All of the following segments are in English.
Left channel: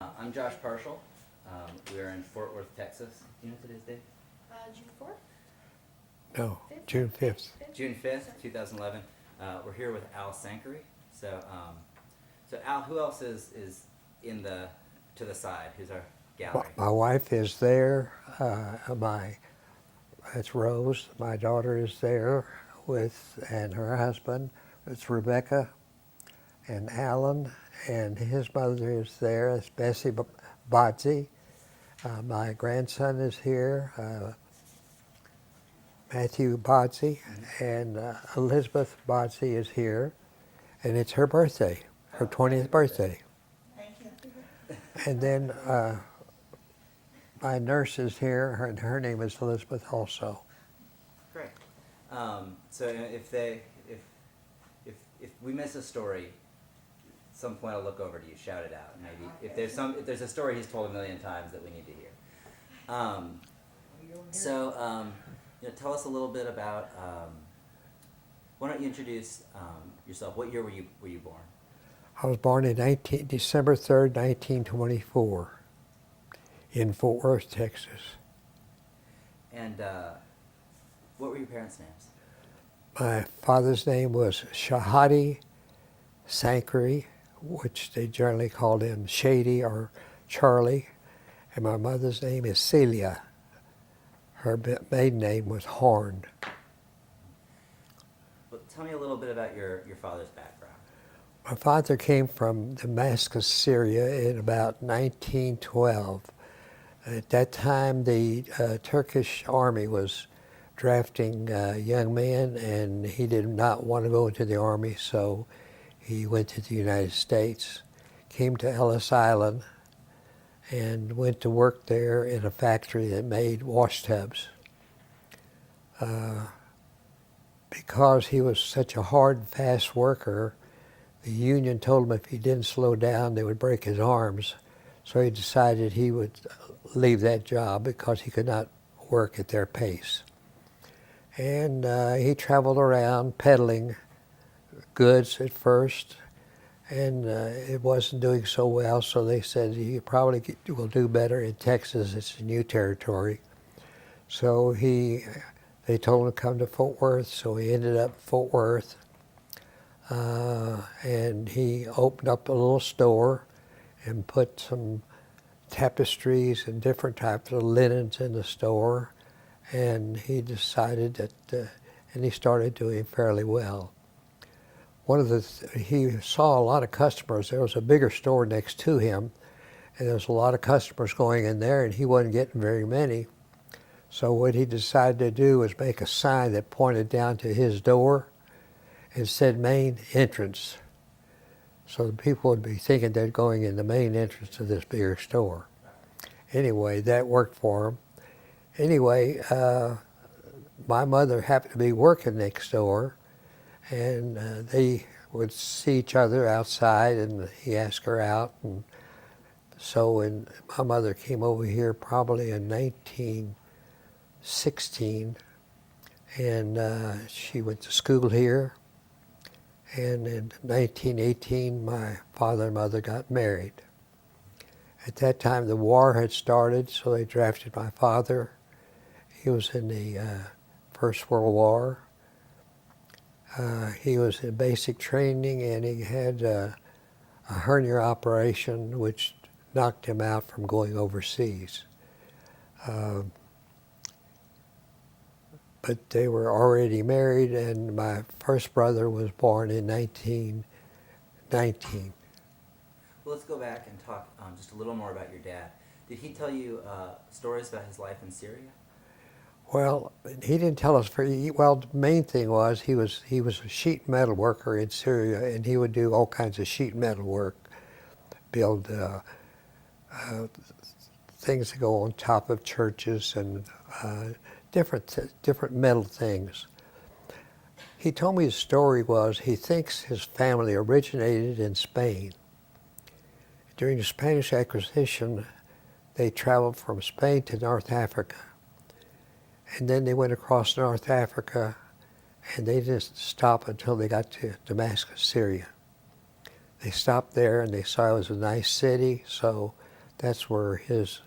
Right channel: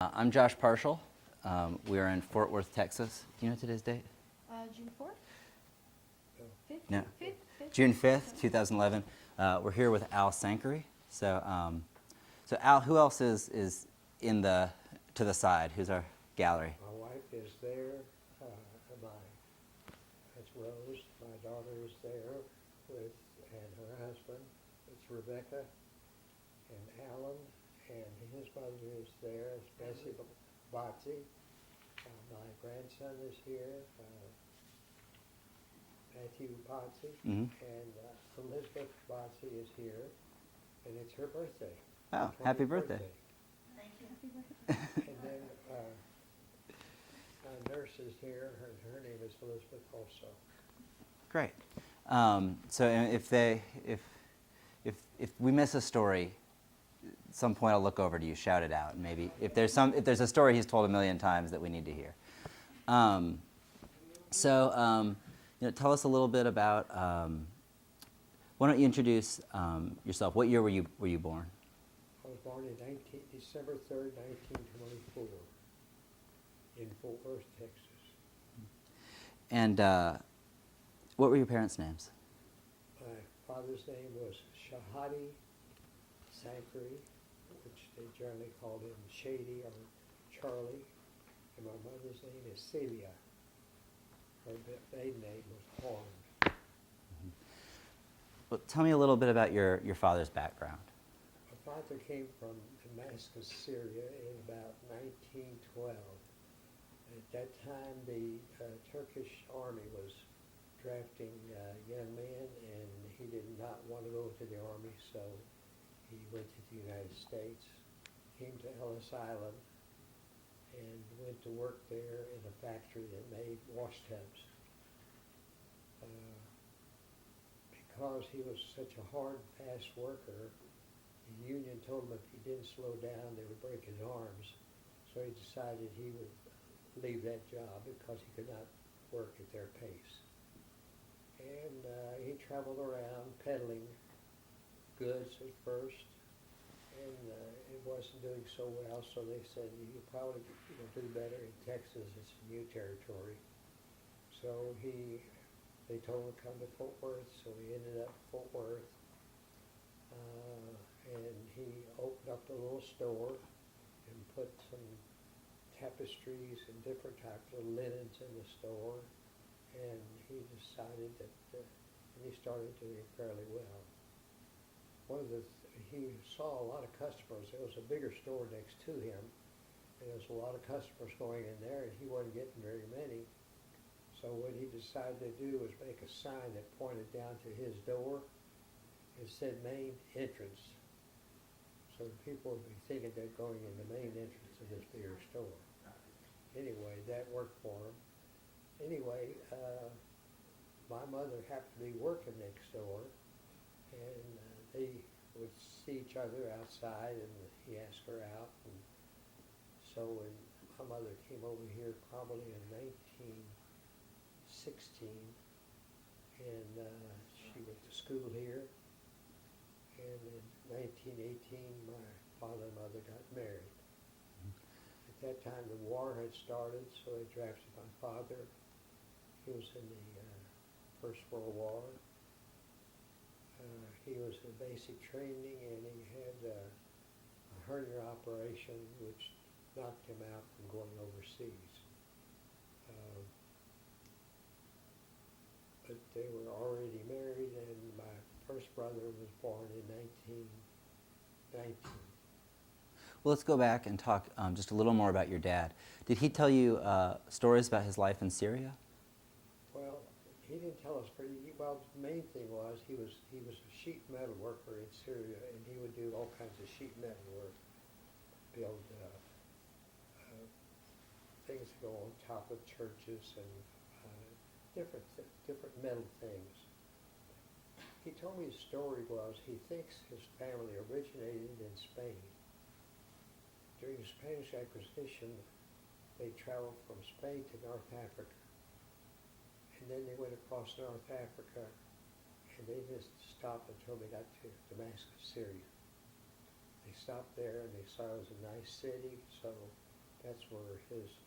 I'm Josh Partial. We are in Fort Worth, Texas. Do you know today's date? June 4th? No, June 5th. June 5th, 2011. We're here with Al Sankary. So Al, who else is to the side? Who's our gallery? My wife is there. That's Rose. My daughter is there and her husband. It's Rebecca and Alan, and his mother is there. It's Bessie Bodsey. My grandson is here, Matthew Bodsey, and Elizabeth Bodsey is here, and it's her birthday, her 20th birthday. Thank you. And then my nurse is here, and her name is Elizabeth also. Great. So if we miss a story, at some point I'll look over to you, shout it out, and maybe if there's a story he's told a million times that we need to hear. Tell us a little bit about. Why don't you introduce yourself? What year were you born? I was born in December 3rd, 1924, in Fort Worth, Texas. And what were your parents' names? My father's name was Shahadi Sankary, which they generally called him Shady or Charlie, and my mother's name is Celia. Her maiden name was Horn. Well, tell me a little bit about your father's background. My father came from Damascus, Syria in about 1912. At that time, the Turkish army was drafting young men, and he did not want to go into the army, so he went to the United States, came to Ellis Island, and went to work there in a factory that made wash tubs. Because he was such a hard and fast worker, the union told him if he didn't slow down, they would break his arms. So he decided he would leave that job because he could not work at their pace. And he traveled around peddling goods at first, and it wasn't doing so well, so they said, you probably will do better in Texas. It's a new territory. So they told him to come to Fort Worth, so he ended up in Fort Worth. And he opened up a little store and put some tapestries and different types of linens in the store. And he decided that, and he started doing fairly well. He saw a lot of customers. There was a bigger store next to him, and there was a lot of customers going in there, and he wasn't getting very many. So what he decided to do was make a sign that pointed down to his door and said main entrance. So the people would be thinking they're going in the main entrance of this bigger store. Anyway, that worked for him. Anyway, my mother happened to be working next door, and they would see each other outside, and he asked her out. And so when my mother came over here probably in 1916, and she went to school here. And in 1918, my father and mother got married. At that time, the war had started, so they drafted my father. He was in the First World War. He was in basic training, and he had a hernia operation, which knocked him out from going overseas. But they were already married, and my first brother was born in 1919. Well, let's go back and talk just a little more about your dad. Did he tell you stories about his life in Syria? Well, he didn't tell us. Well, the main thing was he was a sheet metal worker in Syria, and he would do all kinds of sheet metal work, build things that go on top of churches and different metal things. He told me his story was he thinks his family originated in Spain. During the Spanish acquisition, they traveled from Spain to North Africa. And then they went across North Africa, and they didn't stop until they got to Damascus, Syria. They stopped there, and they saw it was a nice city, so That's where his,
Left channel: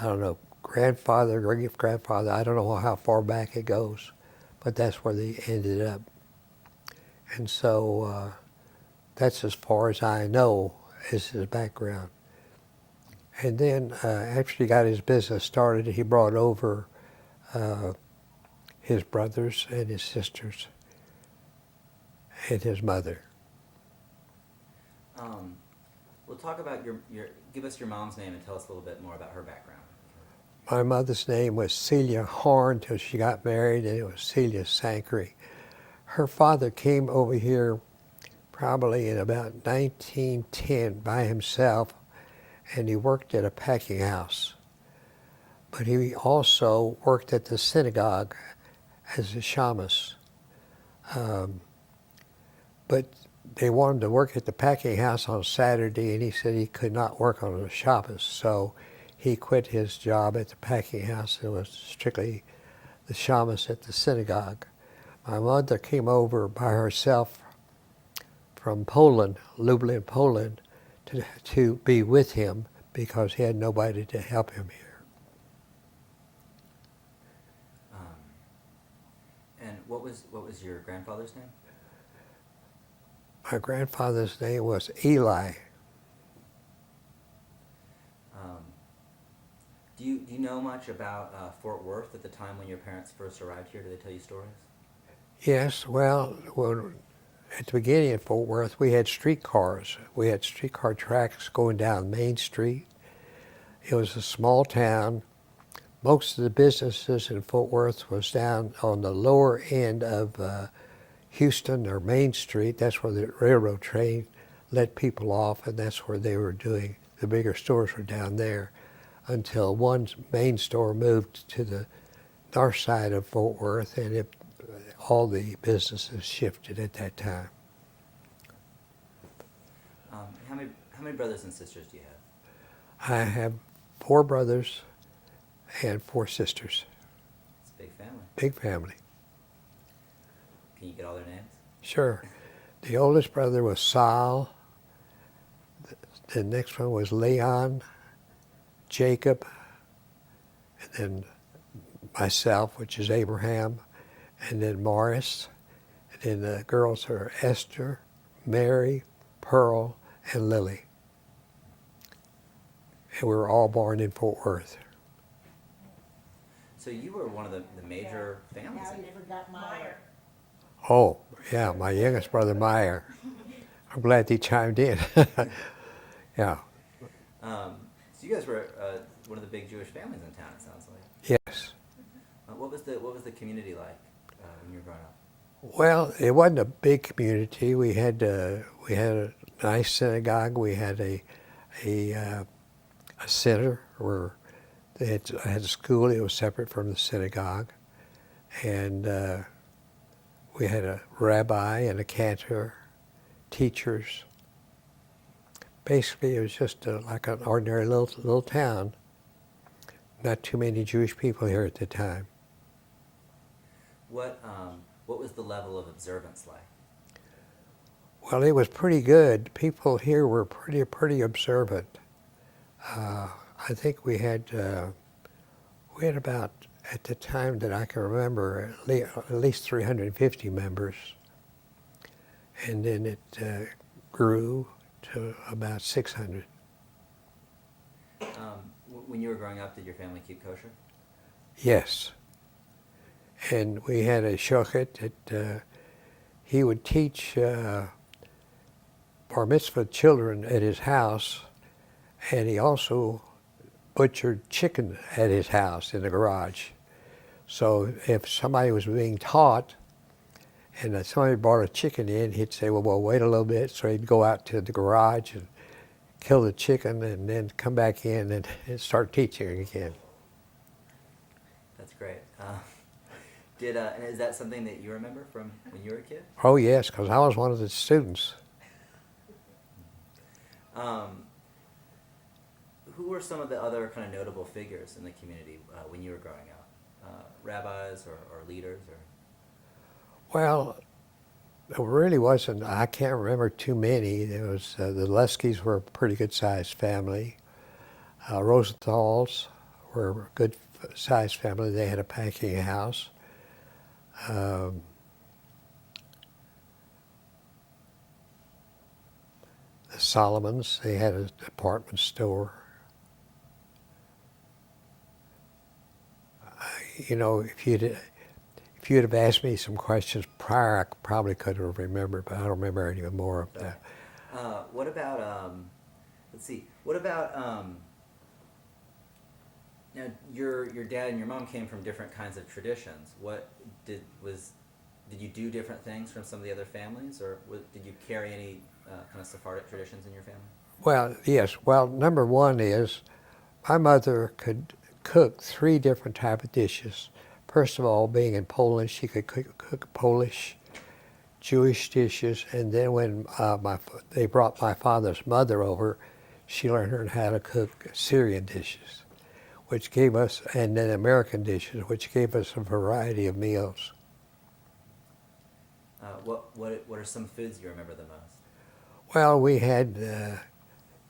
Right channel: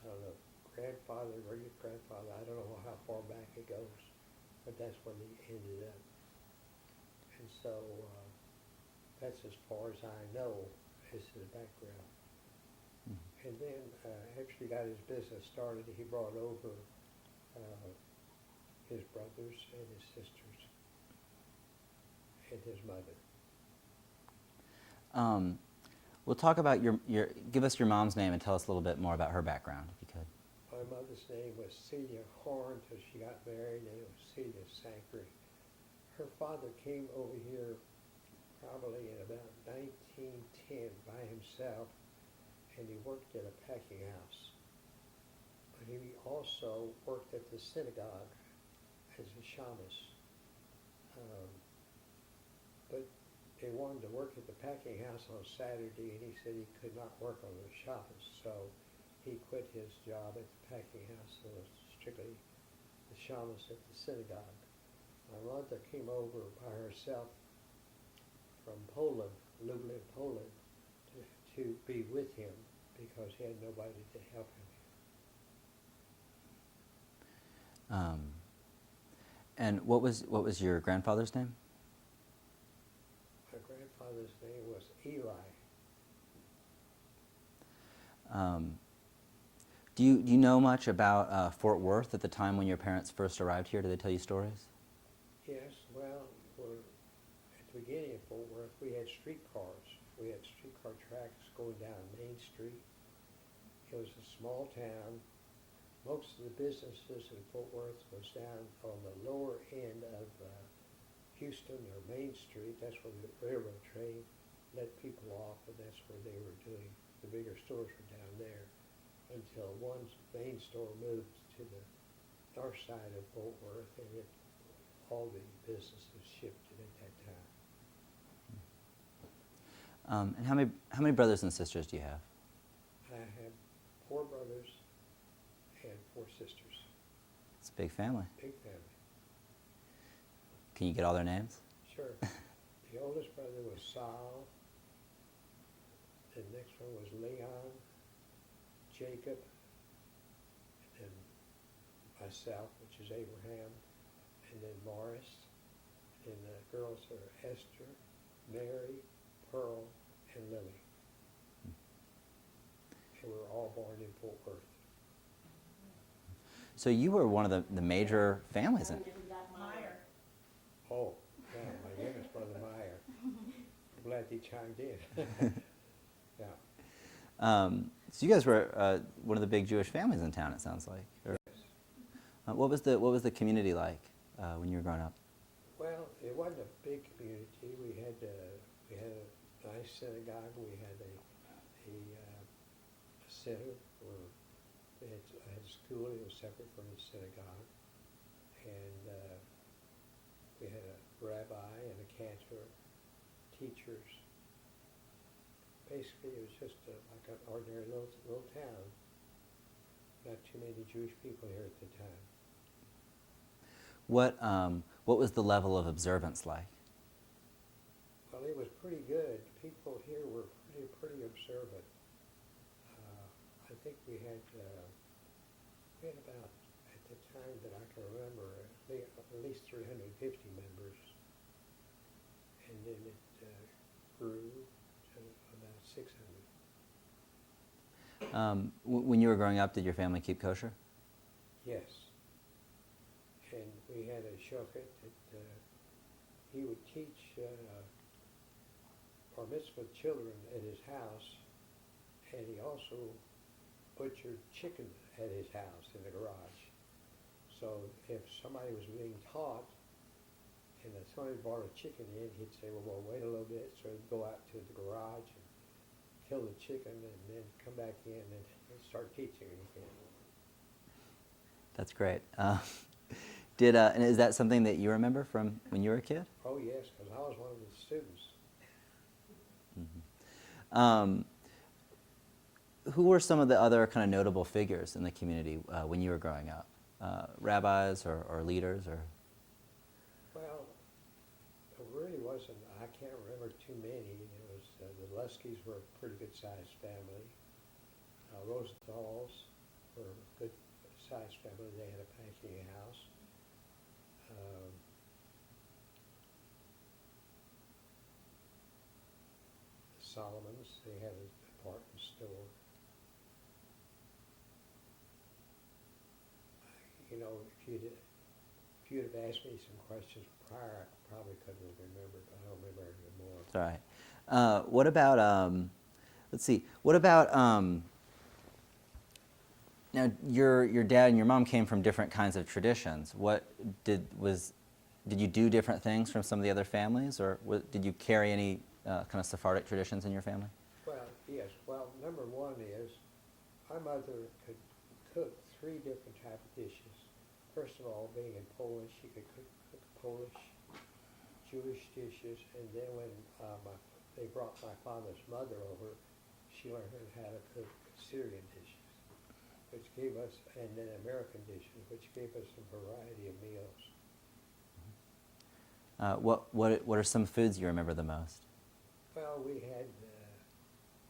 I don't know, grandfather, great-grandfather, I don't know how far back it goes, but that's where they ended up. And so that's as far as I know is his background. And then after he got his business started, he brought over his brothers and his sisters and his mother. We'll talk about give us your mom's name and tell us a little bit more about her background. My mother's name was Celia Horn till she got married, and it was Celia Sankary. Her father came over here probably in about 1910 by himself, and he worked at a packing house. But he also worked at the synagogue as a shamus. But they wanted to work at the packing house on Saturday, and he said he could not work on the Shabbos, so he quit his job at the packing house and was strictly the shamus at the synagogue. My mother came over by herself from Poland, Lublin, Poland, to be with him because he had nobody to help him here. And what was your grandfather's name? My grandfather's name was Eli. Do you know much about Fort Worth at the time when your parents first arrived here? Did they tell you stories? Yes, well, at the beginning of Fort Worth, we had streetcars. We had streetcar tracks going down Main Street. It was a small town. Most of the businesses in Fort Worth was down on the lower end of Houston or Main Street. That's where the railroad train let people off, and that's where they were doing. The bigger stores were down there until one main store moved to the north side of Fort Worth, and all the businesses shifted at that time. And how many brothers and sisters do you have? I have 4 brothers and 4 sisters. It's a big family. Big family. Can you get all their names? Sure. The oldest brother was Sal. The next one was Leon, Jacob, and then myself, which is Abraham, and then Morris. And then the girls are Esther, Mary, Pearl, and Lily. And we were all born in Fort Worth. So you were one of the major families in. Meyer. Oh, yeah, my youngest brother, Meyer. I'm glad he chimed in. Yeah. So you guys were one of the big Jewish families in town, it sounds like. Yes. What was the community like when you were growing up? Well, it wasn't a big community. We had a nice synagogue. We had a center where they had a school. It was separate from the synagogue, and we had a rabbi and a cantor, teachers. Basically, it was just like an ordinary little town. Not too many Jewish people here at the time. What was the level of observance like? Well, it was pretty good. People here were pretty observant. I think we had about, at the time that I can remember, at least 350 members. And then it grew to about 600. When you were growing up, did your family keep kosher? Yes. And we had a shochet that he would teach bar mitzvah children at his house, and he also butchered chicken at his house in the garage. So if somebody was being taught and somebody brought a chicken in, he'd say, well, wait a little bit. So he'd go out to the garage and kill the chicken and then come back in and start teaching again. That's great. And is that something that you remember from when you were a kid? Oh, yes, because I was one of the students. Who were some of the other kind of notable figures in the community when you were growing up? Rabbis or leaders? Or? Well, there really wasn't. I can't remember too many. There was the Luskys were a pretty good-sized family. Rosenthals were a good-sized family. They had a packing house. The Solomons, they had a department store. You know, if you'd have asked me some questions prior, I probably could have remembered, but I don't remember any more of that. What about, let's see, what about, now your dad and your mom came from different kinds of traditions. Did you do different things from some of the other families, or did you carry any kind of Sephardic traditions in your family? Well, yes. Well, number one is my mother could cook 3 different type of dishes. First of all, being in Poland, she could cook Polish, Jewish dishes, and then when they brought my father's mother over, she learned how to cook Syrian dishes, which gave us, and then American dishes, which gave us a variety of meals. What are some foods you remember the most? Well, we had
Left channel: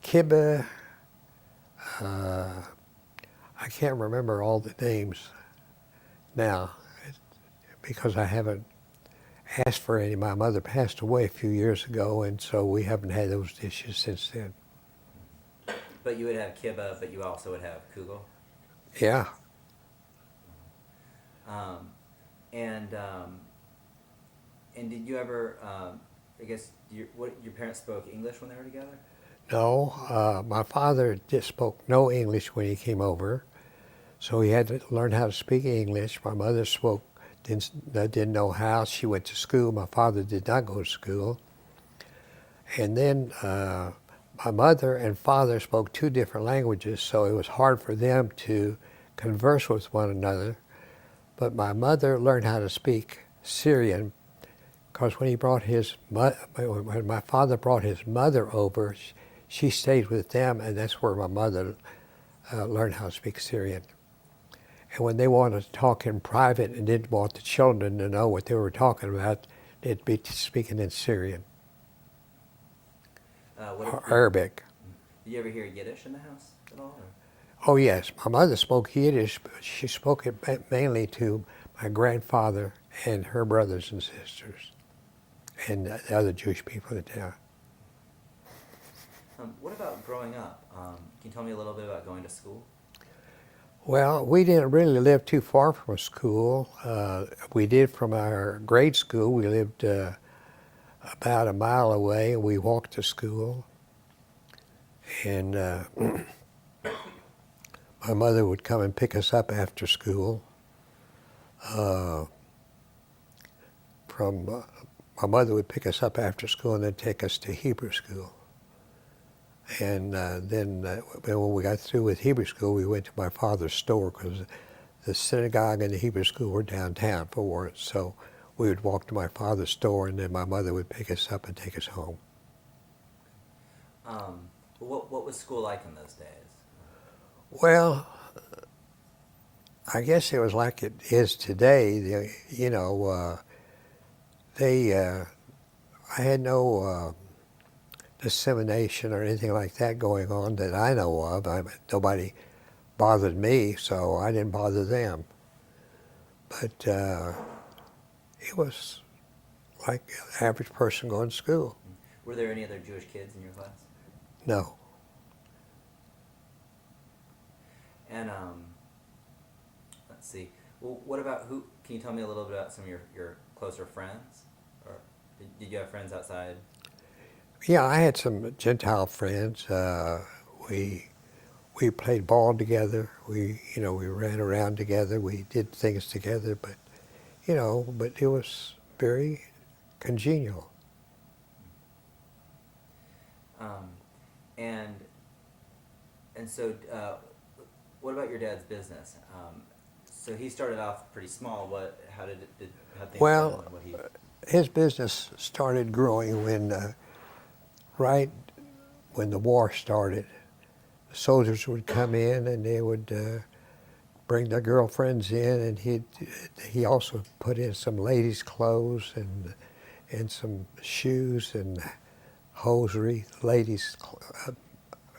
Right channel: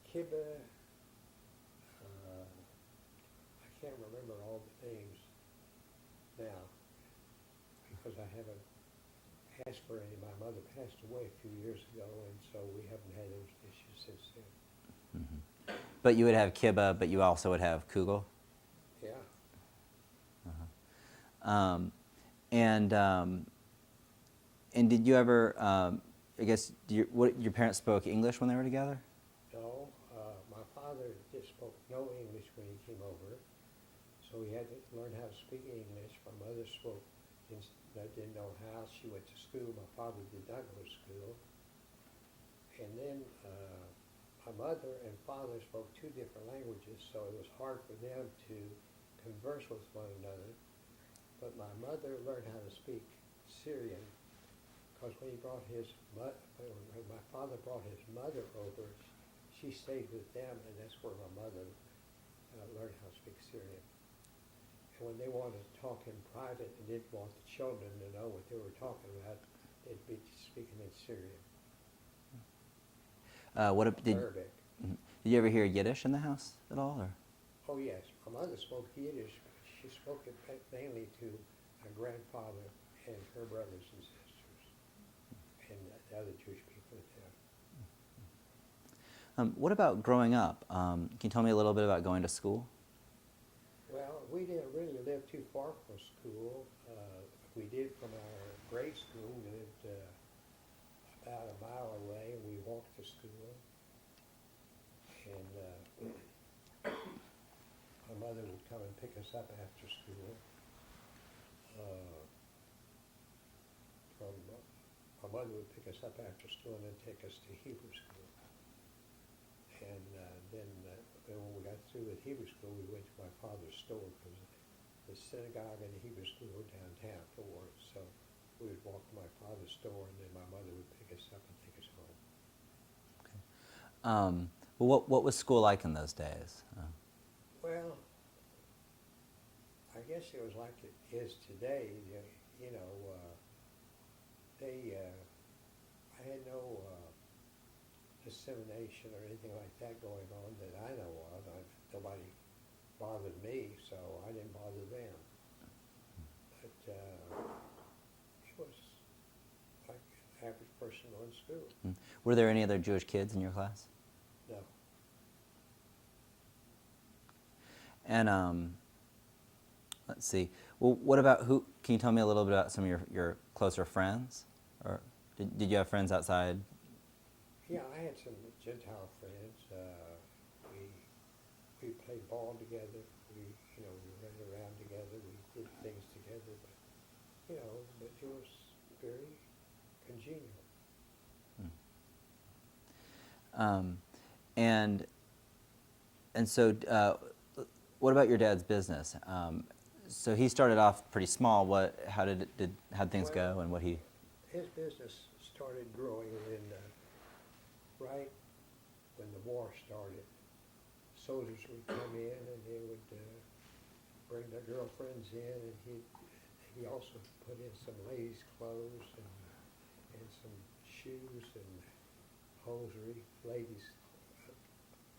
kibbeh. I can't remember all the names now because I haven't asked for any. My mother passed away a few years ago, and so we haven't had those dishes since then. Mm-hmm. But you would have kibbeh, but you also would have kugel? Yeah. And did you ever, I guess, your parents spoke English when they were together? No, my father spoke no English when he came over, so he had to learn how to speak English. My mother didn't know how. She went to school. My father did not go to school. And then my mother and father spoke 2 different languages, so it was hard for them to converse with one another. But my mother learned how to speak Syrian because when my father brought his mother over, she stayed with them, and that's where my mother learned how to speak Syrian. And when they wanted to talk in private and didn't want the children to know what they were talking about, they'd be speaking in Syrian or Arabic. Did you ever hear Yiddish in the house at all? Or? Oh yes, my mother spoke Yiddish, but she spoke it mainly to my grandfather and her brothers and sisters and the other Jewish people in town. What about growing up? Can you tell me a little bit about going to school? Well, we didn't really live too far from school. We did from our grade school. We lived about a mile away, and we walked to school. And my mother would come and pick us up after school. My mother would pick us up after school and then take us to Hebrew school. And then when we got through with Hebrew school, we went to my father's store because the synagogue and the Hebrew school were downtown for Warren. So we would walk to my father's store, and then my mother would pick us up and take us home. What was school like in those days? Well, I guess it was like it is today. I had no dissemination or anything like that going on that I know of. Nobody bothered me, so I didn't bother them. But it was like an average person going to school. Were there any other Jewish kids in your class? No. And let's see. Well, what about can you tell me a little bit about some of your closer friends? Or did you have friends outside? Yeah, I had some Gentile friends. We played ball together. We ran around together. We did things together, but it was very congenial. And so, what about your dad's business? So he started off pretty small. How did things go? And his business started growing right when the war started. The soldiers would come in and they would bring their girlfriends in, and he also put in some ladies' clothes and some shoes and hosiery, ladies'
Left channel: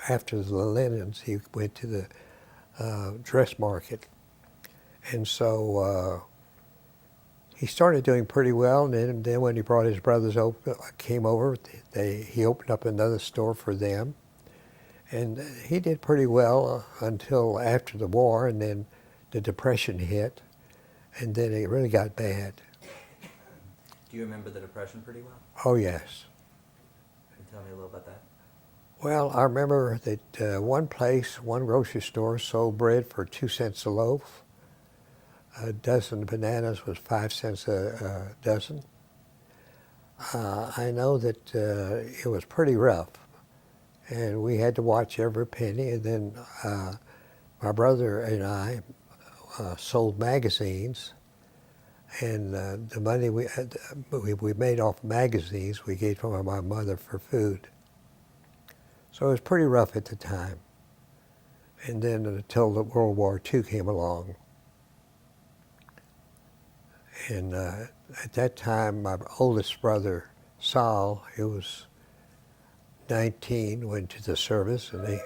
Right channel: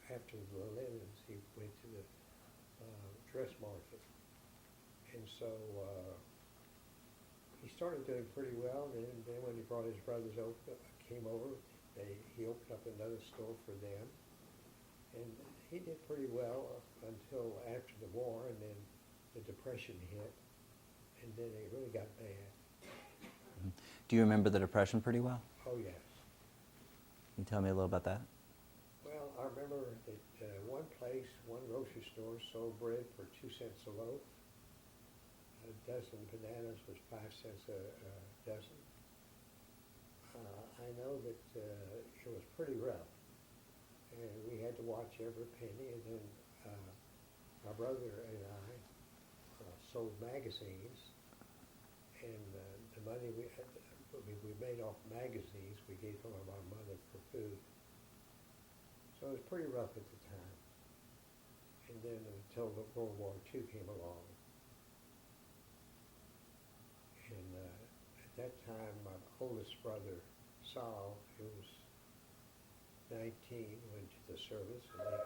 after the linens, he went to the dress market. And so he started doing pretty well, and then when he brought his brothers came over, he opened up another store for them. And he did pretty well until after the war, and then the Depression hit, and then it really got bad. Do you remember the Depression pretty well? Oh, yes. Can you tell me a little about that? Well, I remember that one grocery store sold bread for 2 cents a loaf. A dozen bananas was 5 cents a dozen. I know that it was pretty rough, and we had to watch every penny. And then my brother and I sold magazines, and the money we made off magazines we gave to my mother for food. So it was pretty rough at the time. And then until the World War II came along. And at that time, my oldest brother, Saul, he was 19, went to the service, and they...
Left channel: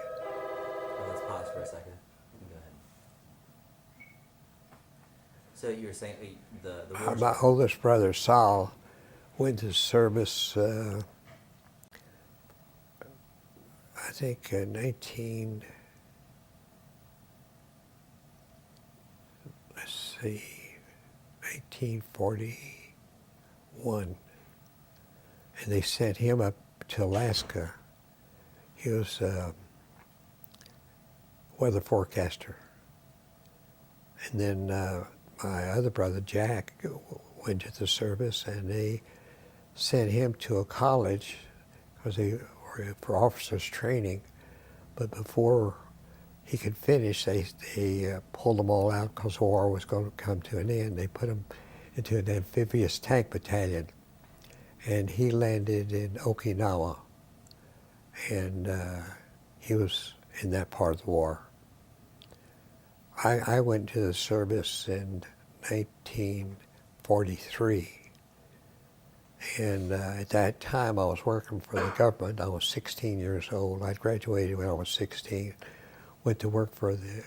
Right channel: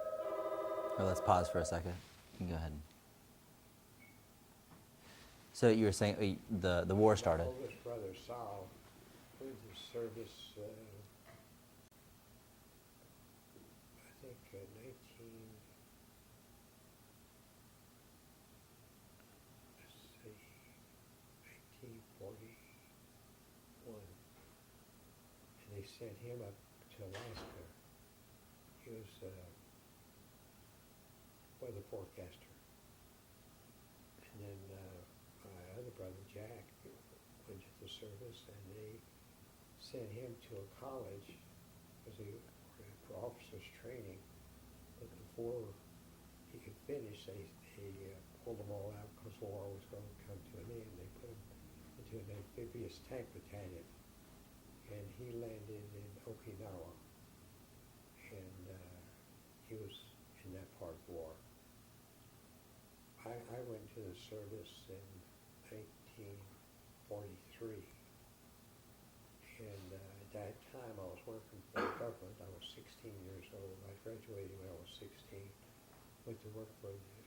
Well, let's pause for a second. You can go ahead. So you were saying the war My started. oldest brother, Saul, went to service, I think, 1941. And they sent him up to Alaska. He was a weather forecaster. And then my other brother, Jack, went to the service, and they sent him to a college because they were for officers training. But before he could finish, they pulled them all out because the war was going to come to an end. They put him into an amphibious tank battalion, and he landed in Okinawa, and he was in that part of the war. I went to the service in 1943, and at that time I was working for the government. I was 16 years old. I graduated when I was 16. Went to work for the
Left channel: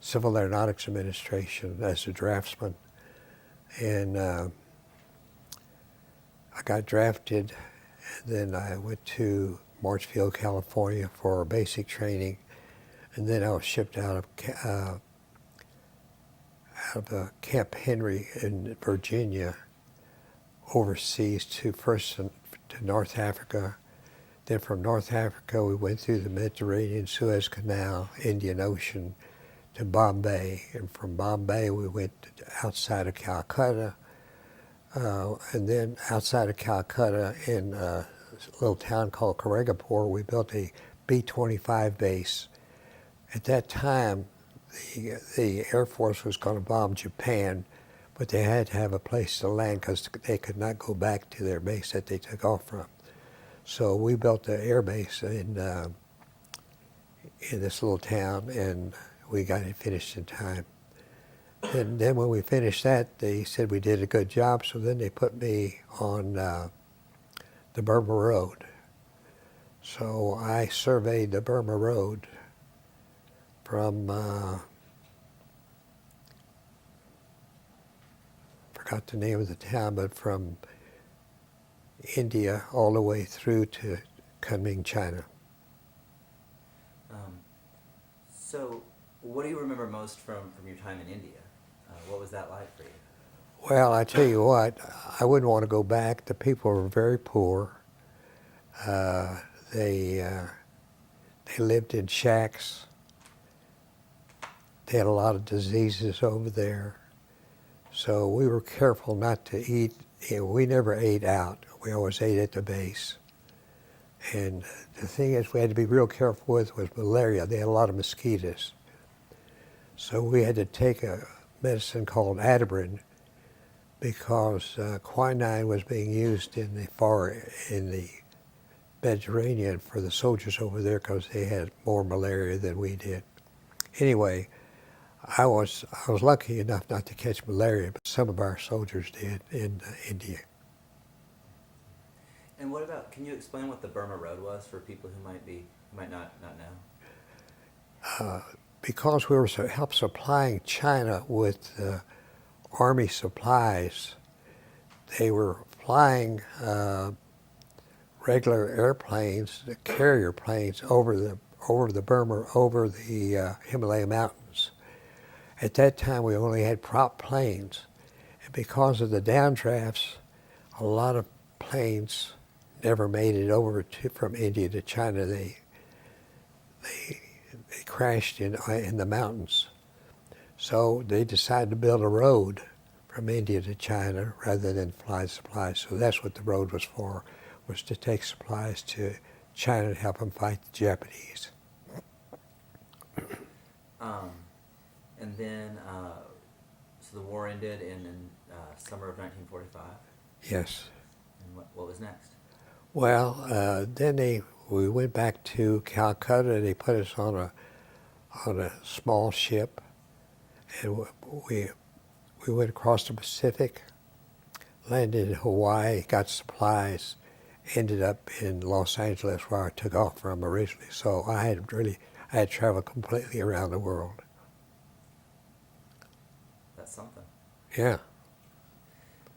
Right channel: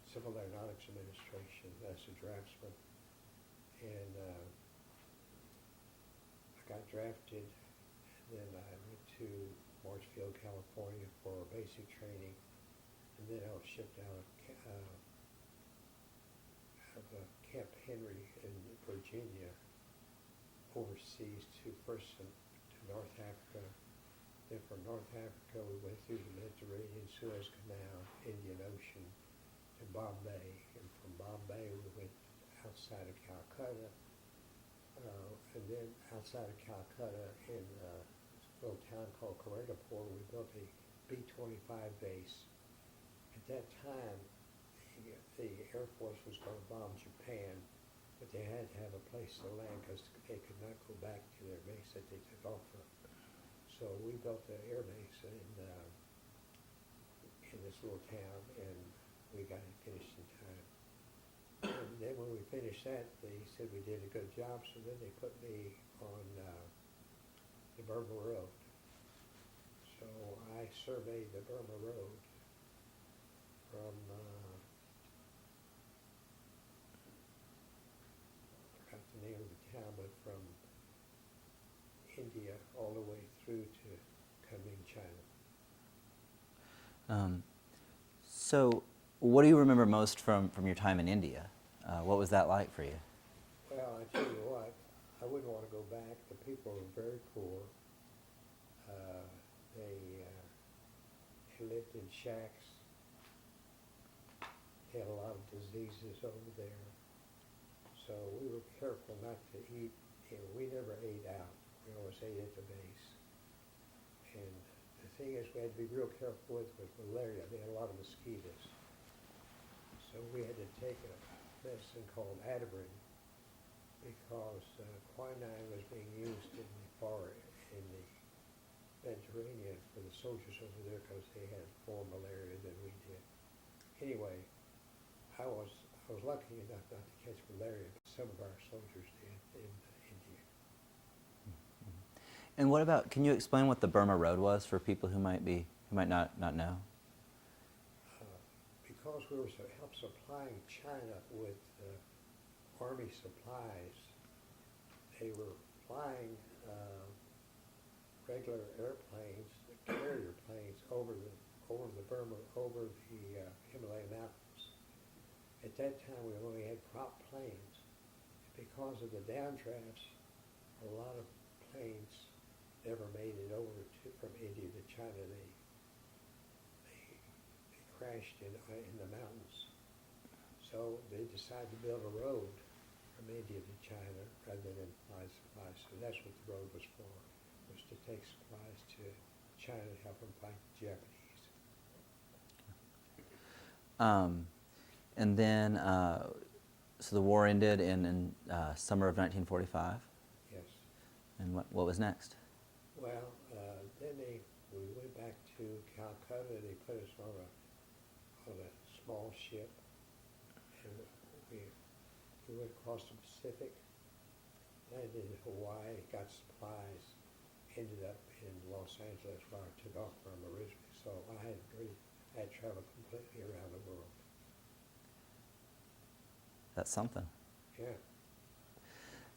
Civil Aeronautics Administration as a draftsman, and I got drafted, and then I went to Marshfield, California for basic training, and then I was shipped out of Camp Henry in Virginia, overseas to North Africa. Then from North Africa, we went through the Mediterranean, Suez Canal, Indian Ocean to Bombay. And from Bombay, we went outside of Calcutta. And then outside of Calcutta, in a little town called Karegapur, we built a B-25 base. At that time, the Air Force was going to bomb Japan, but they had to have a place to land because they could not go back to their base that they took off from. So we built the air base in this little town, and we got it finished in time. And then when we finished that, they said we did a good job, so then they put me on the Burma Road. So I surveyed the Burma Road from, forgot the name of the town, but from India all the way through to Kunming, China. So what do you remember most from your time in India? What was that like for you? Well, I tell you what, I wouldn't want to go back. The people were very poor. They lived in shacks. They had a lot of diseases over there. So we were careful not to eat. We never ate out. We always ate at the base. And the thing is, we had to be real careful with was malaria. They had a lot of mosquitoes. So we had to take a medicine called Adabrin because quinine was being used in the Mediterranean for the soldiers over there because they had more malaria than we did. Anyway, I was lucky enough not to catch malaria, but some of our soldiers did in India. And what about, can you explain what the Burma Road was for people who might not know? because we were help supplying China with Army supplies, they were flying regular airplanes, the carrier planes, over the Burma, over the Himalaya mountains. At that time, we only had prop planes, and because of the downdrafts, a lot of planes never made it over from India to China. They crashed in the mountains. So they decided to build a road from India to China rather than fly supplies. So that's what the road was for, was to take supplies to China to help them fight the Japanese. And then, so the war ended in summer of 1945? Yes. And what was next? Well, then we went back to Calcutta. They put us on a small ship, and we went across the Pacific, landed in Hawaii, got supplies, ended up in Los Angeles where I took off from originally. So I had traveled completely around the world. That's something. Yeah.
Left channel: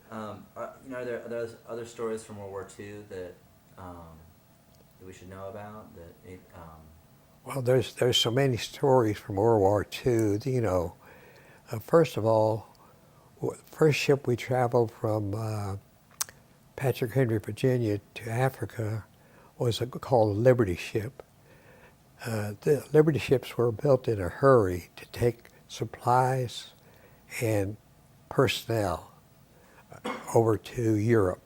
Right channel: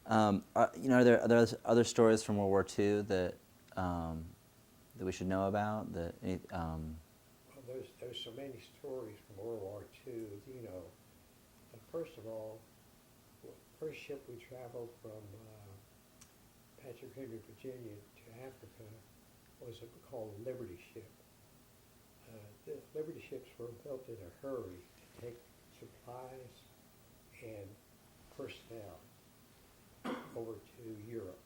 Are there other stories from World War II that we should know about? Well, there's so many stories from World War II. First of all, the first ship we traveled from Patrick Henry, Virginia to Africa was called a Liberty ship. The Liberty ships were built in a hurry to take supplies and personnel over to Europe.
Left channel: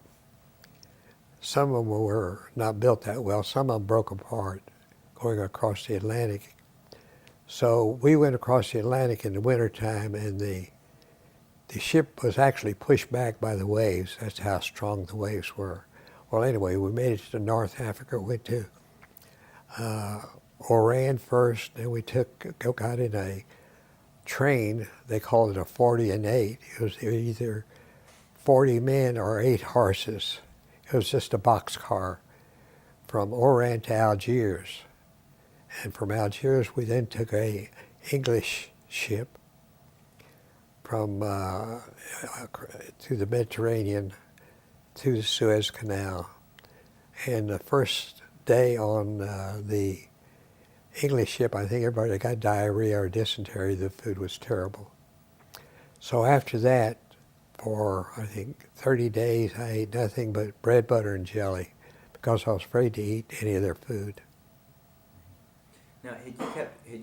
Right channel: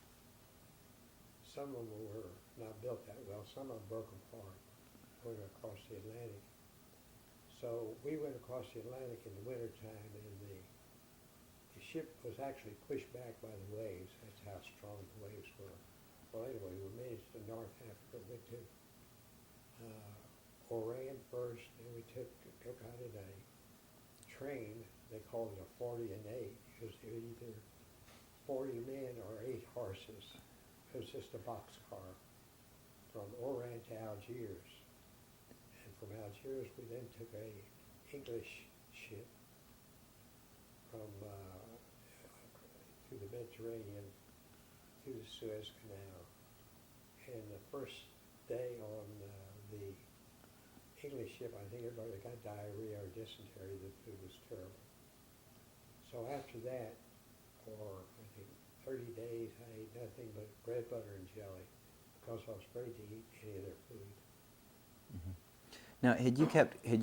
Some of them were not built that well. Some of them broke apart going across the Atlantic. So we went across the Atlantic in the wintertime, and the ship was actually pushed back by the waves. That's how strong the waves were. Well, anyway, we made it to North Africa. Went to Oran first, then we got in a train. They called it a 40 and 8. It was either 40 men or 8 horses. It was just a boxcar from Oran to Algiers. And from Algiers, we then took a English ship from to the Mediterranean, through the Suez Canal. And the first day on the English ship, I think everybody got diarrhea or dysentery. The food was terrible. So after that, for I think 30 days, I ate nothing but bread, butter, and jelly because I was afraid to eat any of their food. Now, had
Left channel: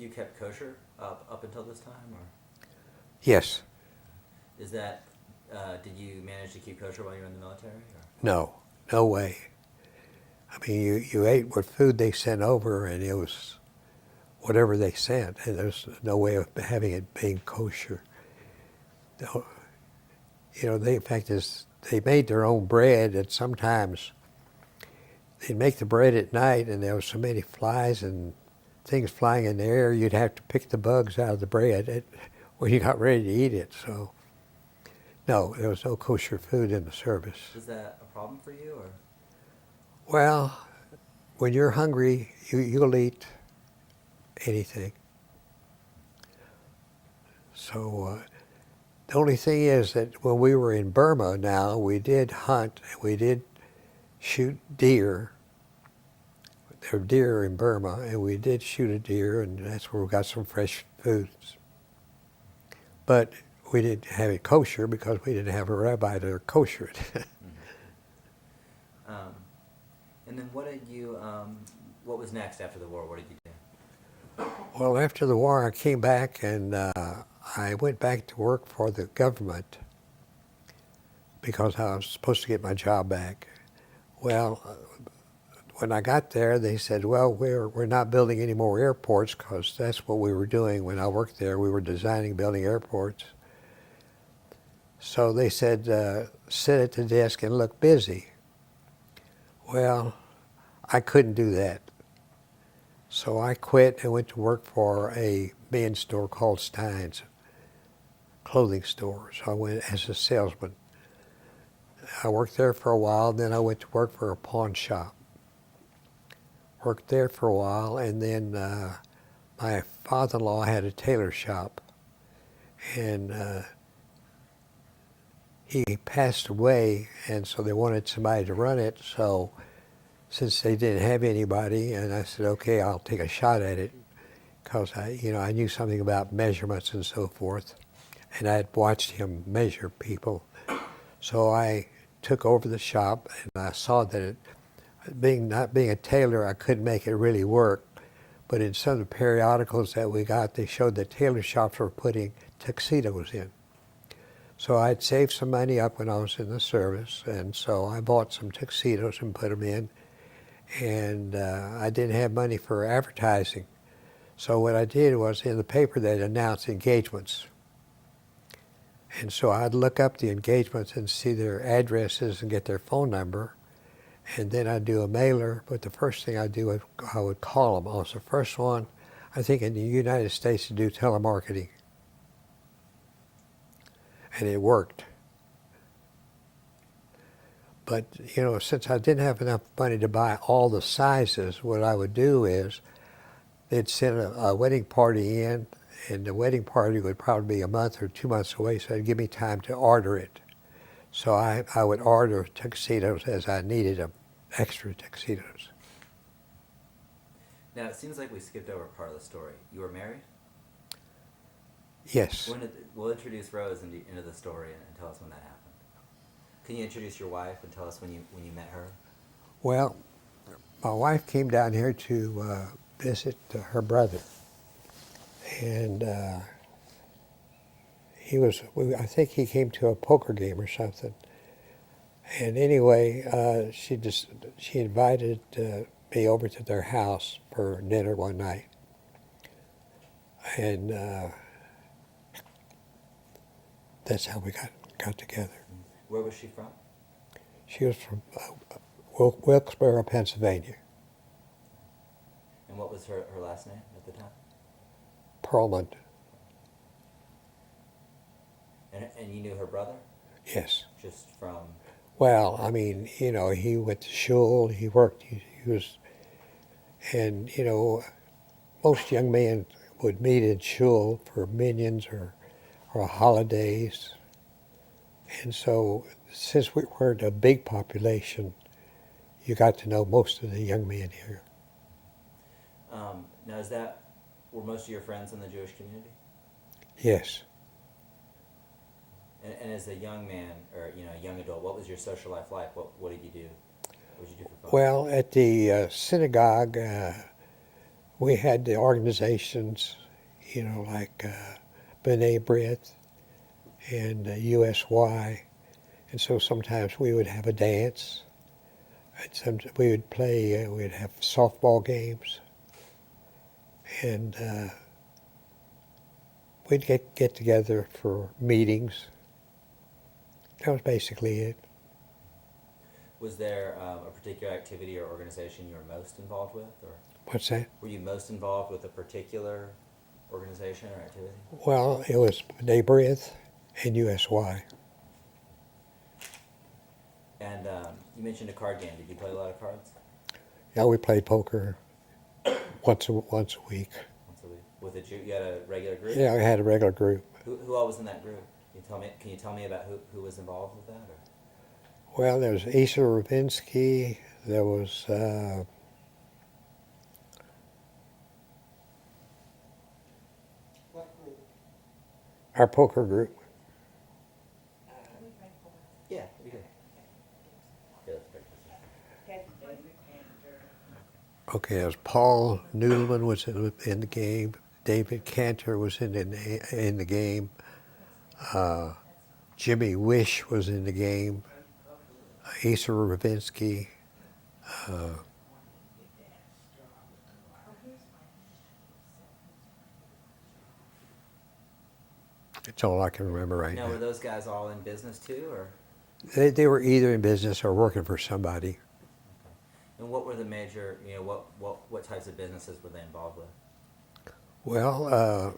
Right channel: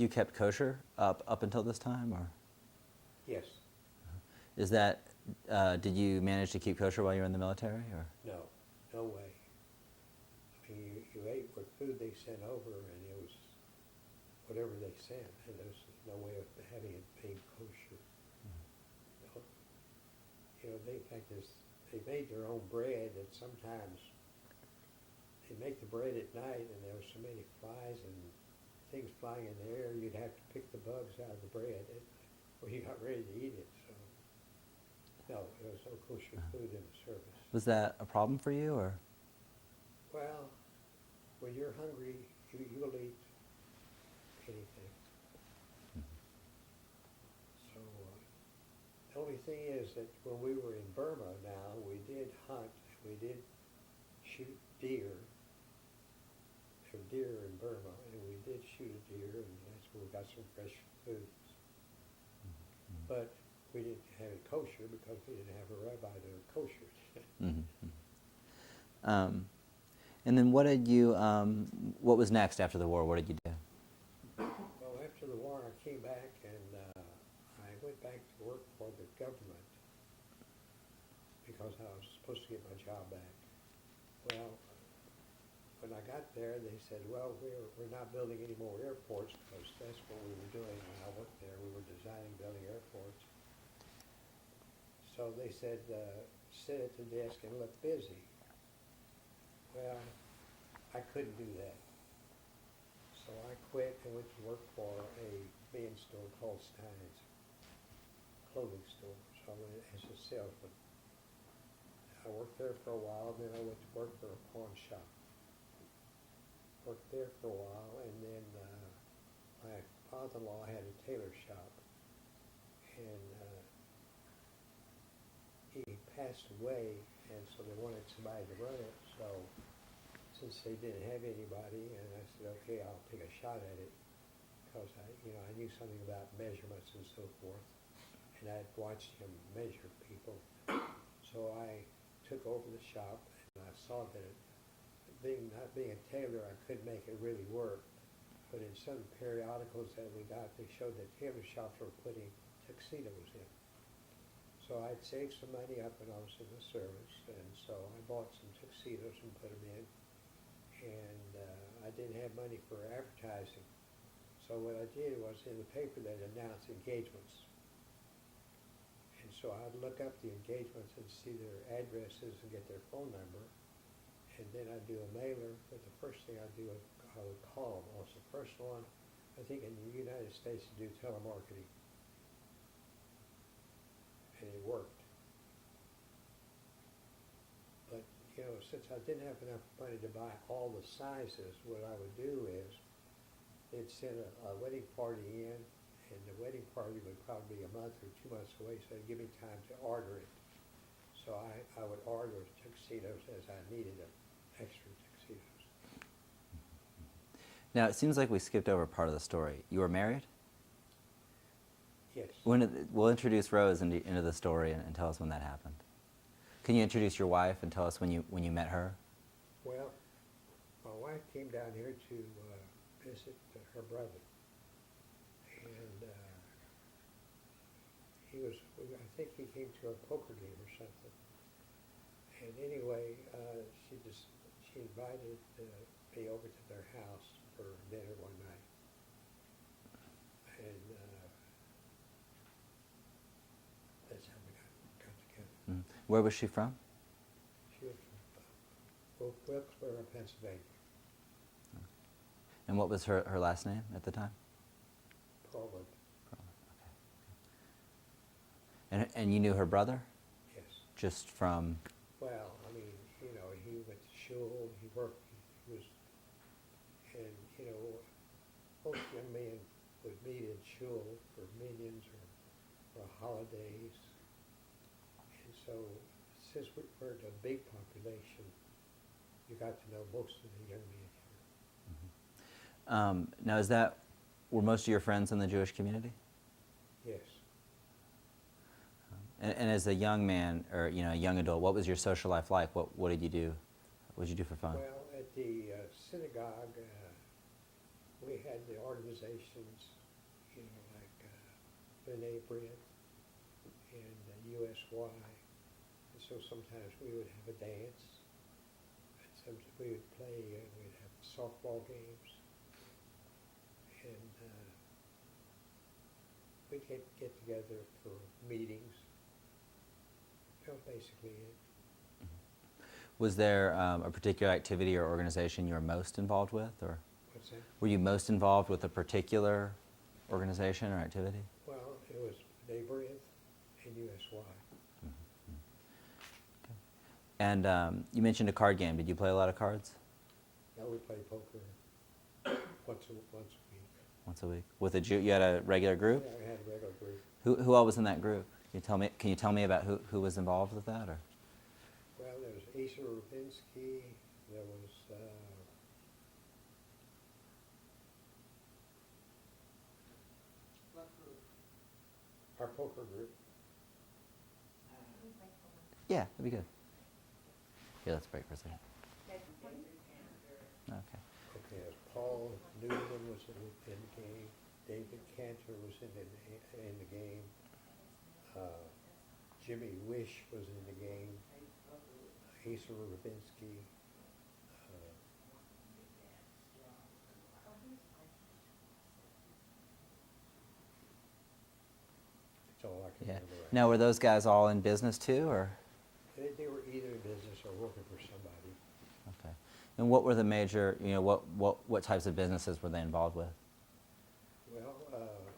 you kept kosher up until this time, or? Yes. Is that did you manage to keep kosher while you were in the military, or? No way. I mean, you ate what food they sent over, and it was whatever they sent, and there's no way of having it being kosher. In fact, they made their own bread, and sometimes they'd make the bread at night, and there was so many flies and things flying in the air, you'd have to pick the bugs out of the bread when you got ready to eat it. So, no, there was no kosher food in the service. Was that a problem for you, or? Well, when you're hungry, you'll eat anything. So the only thing is that when we were in Burma now, we did hunt, we did shoot deer. There were deer in Burma, and we did shoot a deer, and that's where we got some fresh foods. But we didn't have it kosher because we didn't have a rabbi to kosher it. Mm-hmm. And then what was next after the war? What did you do? Well, after the war, I came back, and I went back to work for the government because I was supposed to get my job back. Well, when I got there, they said, well, we're not building any more airports, because that's what we were doing when I worked there. We were designing, building airports. So they said, sit at the desk and look busy. Well, I couldn't do that. So I quit and went to work for a men's store called Stein's, clothing store. So I went as a salesman. I worked there for a while, then I went to work for a pawn shop. Worked there for a while, and then my father-in-law had a tailor shop, and he passed away, and so they wanted somebody to run it. So since they didn't have anybody, and I said, okay, I'll take a shot at it, because I knew something about measurements and so forth, and I had watched him measure people. So I took over the shop, and I saw that not being a tailor, I couldn't make it really work. But in some of the periodicals that we got, they showed that tailor shops were putting tuxedos in. So I'd saved some money up when I was in the service, and so I bought some tuxedos and put them in. And I didn't have money for advertising. So what I did was, in the paper they'd announce engagements. And so I'd look up the engagements and see their addresses and get their phone number. And then I'd do a mailer, but the first thing I'd do, I would call them. I was the first one, I think, in the United States to do telemarketing. And it worked. But, since I didn't have enough money to buy all the sizes, what I would do is they'd send a wedding party in, and the wedding party would probably be a month or 2 months away, so it'd give me time to order it. So I would order tuxedos as I needed them, extra tuxedos. Now, it seems like we skipped over part of the story. You were married? Yes. We'll introduce Rose into the story and tell us when that happened. Can you introduce your wife and tell us when you met her? Well, my wife came down here to visit her brother. And I think he came to a poker game or something. And anyway, she invited me over to their house for dinner one night. And that's how we got together. Where was she from? She was from Wilkesboro, Pennsylvania. And what was her last name at the time? Perlman. And you knew her brother? Yes. Just from... Well, I mean, he went to shul, he worked, he was, and, most young men would meet in shul for minions or holidays. And so, since we weren't a big population, you got to know most of the young men here. Now, were most of your friends in the Jewish community? Yes. And as a young man, or a young adult, what was your social life like? What did you do? What did you do for fun? Well, at the synagogue, we had the organizations, like B'nai B'rith and USY, and so sometimes we would have a dance. And we would play. We'd have softball games, and we'd get together for meetings. That was basically it. Was there a particular activity or organization you were most involved with, or What's that? were you most involved with a particular organization or activity? Well, it was B'nai B'rith and USY. And you mentioned a card game. Did you play a lot of cards? Yeah, we played poker once a week. Once a week. With a Jew, you had a regular group? Yeah, we had a regular group. Who all was in that group? Can you tell me about who was involved with that? Or? Well, there was Asa Ravinsky. There was our poker group. Yeah, that'd be good. Yeah, let's break for a second. Okay, there was Paul Noodleman was in the game. David Cantor was in the game. Jimmy Wish was in the game. Asa Ravinsky. That's all I can remember right now. Now, were those guys all in business too, or? They were either in business or working for somebody. Okay. And what were the major, what types of businesses were they involved with? Well,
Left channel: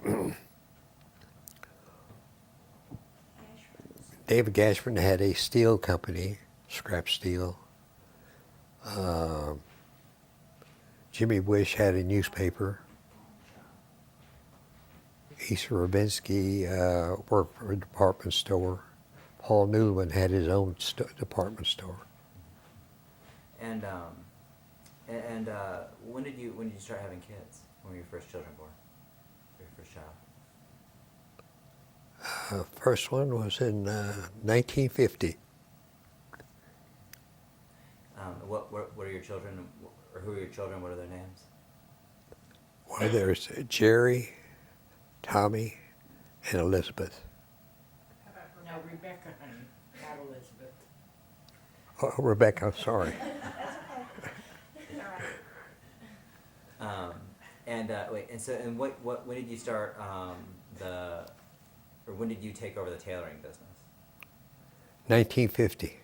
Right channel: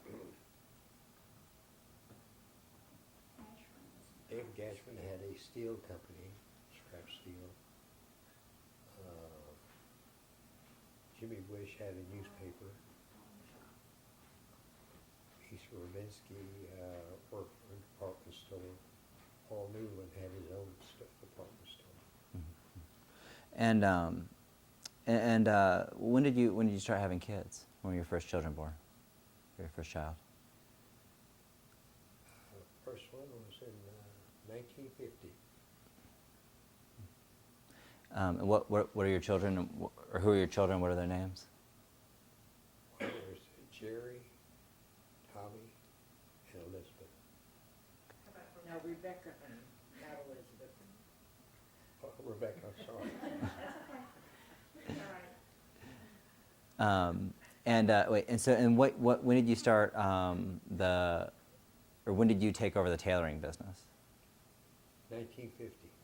David Gashford had a steel company, scrap steel. Jimmy Wish had a newspaper. East Ravinsky worked for a department store. Paul Newman had his own department store. And when did you start having kids? When were your first children born? Your first child? First one was in 1950. What are your children, or who are your children? What are their names? Well, there's Jerry, Tommy, and Elizabeth. Now Rebecca, honey, not Elizabeth. Oh, Rebecca, sorry. Wait, and when did you start or when did you take over the tailoring business? 1950.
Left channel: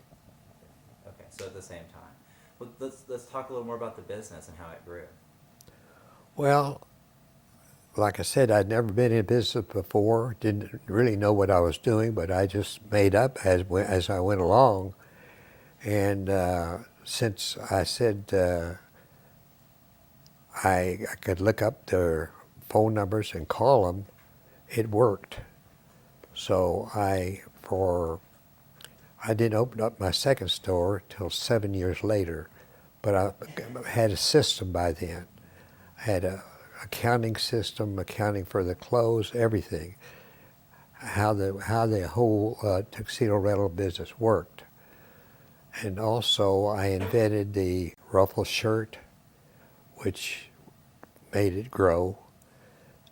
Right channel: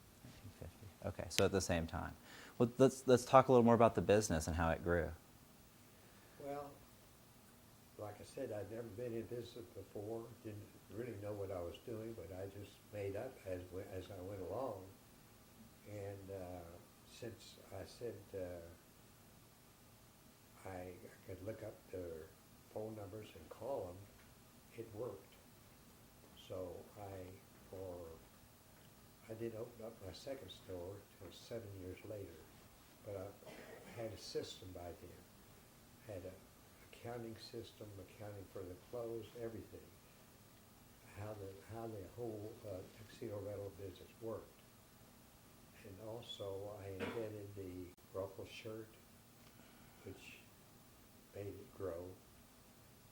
Okay, so at the same time. Well, let's talk a little more about the business and how it grew. Well, like I said, I'd never been in business before, didn't really know what I was doing, but I just made up as I went along. And since I said I could look up their phone numbers and call them, it worked. So I didn't open up my second store till 7 years later, but I had a system by then. I had a accounting system, accounting for the clothes, everything, how the whole tuxedo rental business worked. And also I invented the ruffle shirt, which made it grow,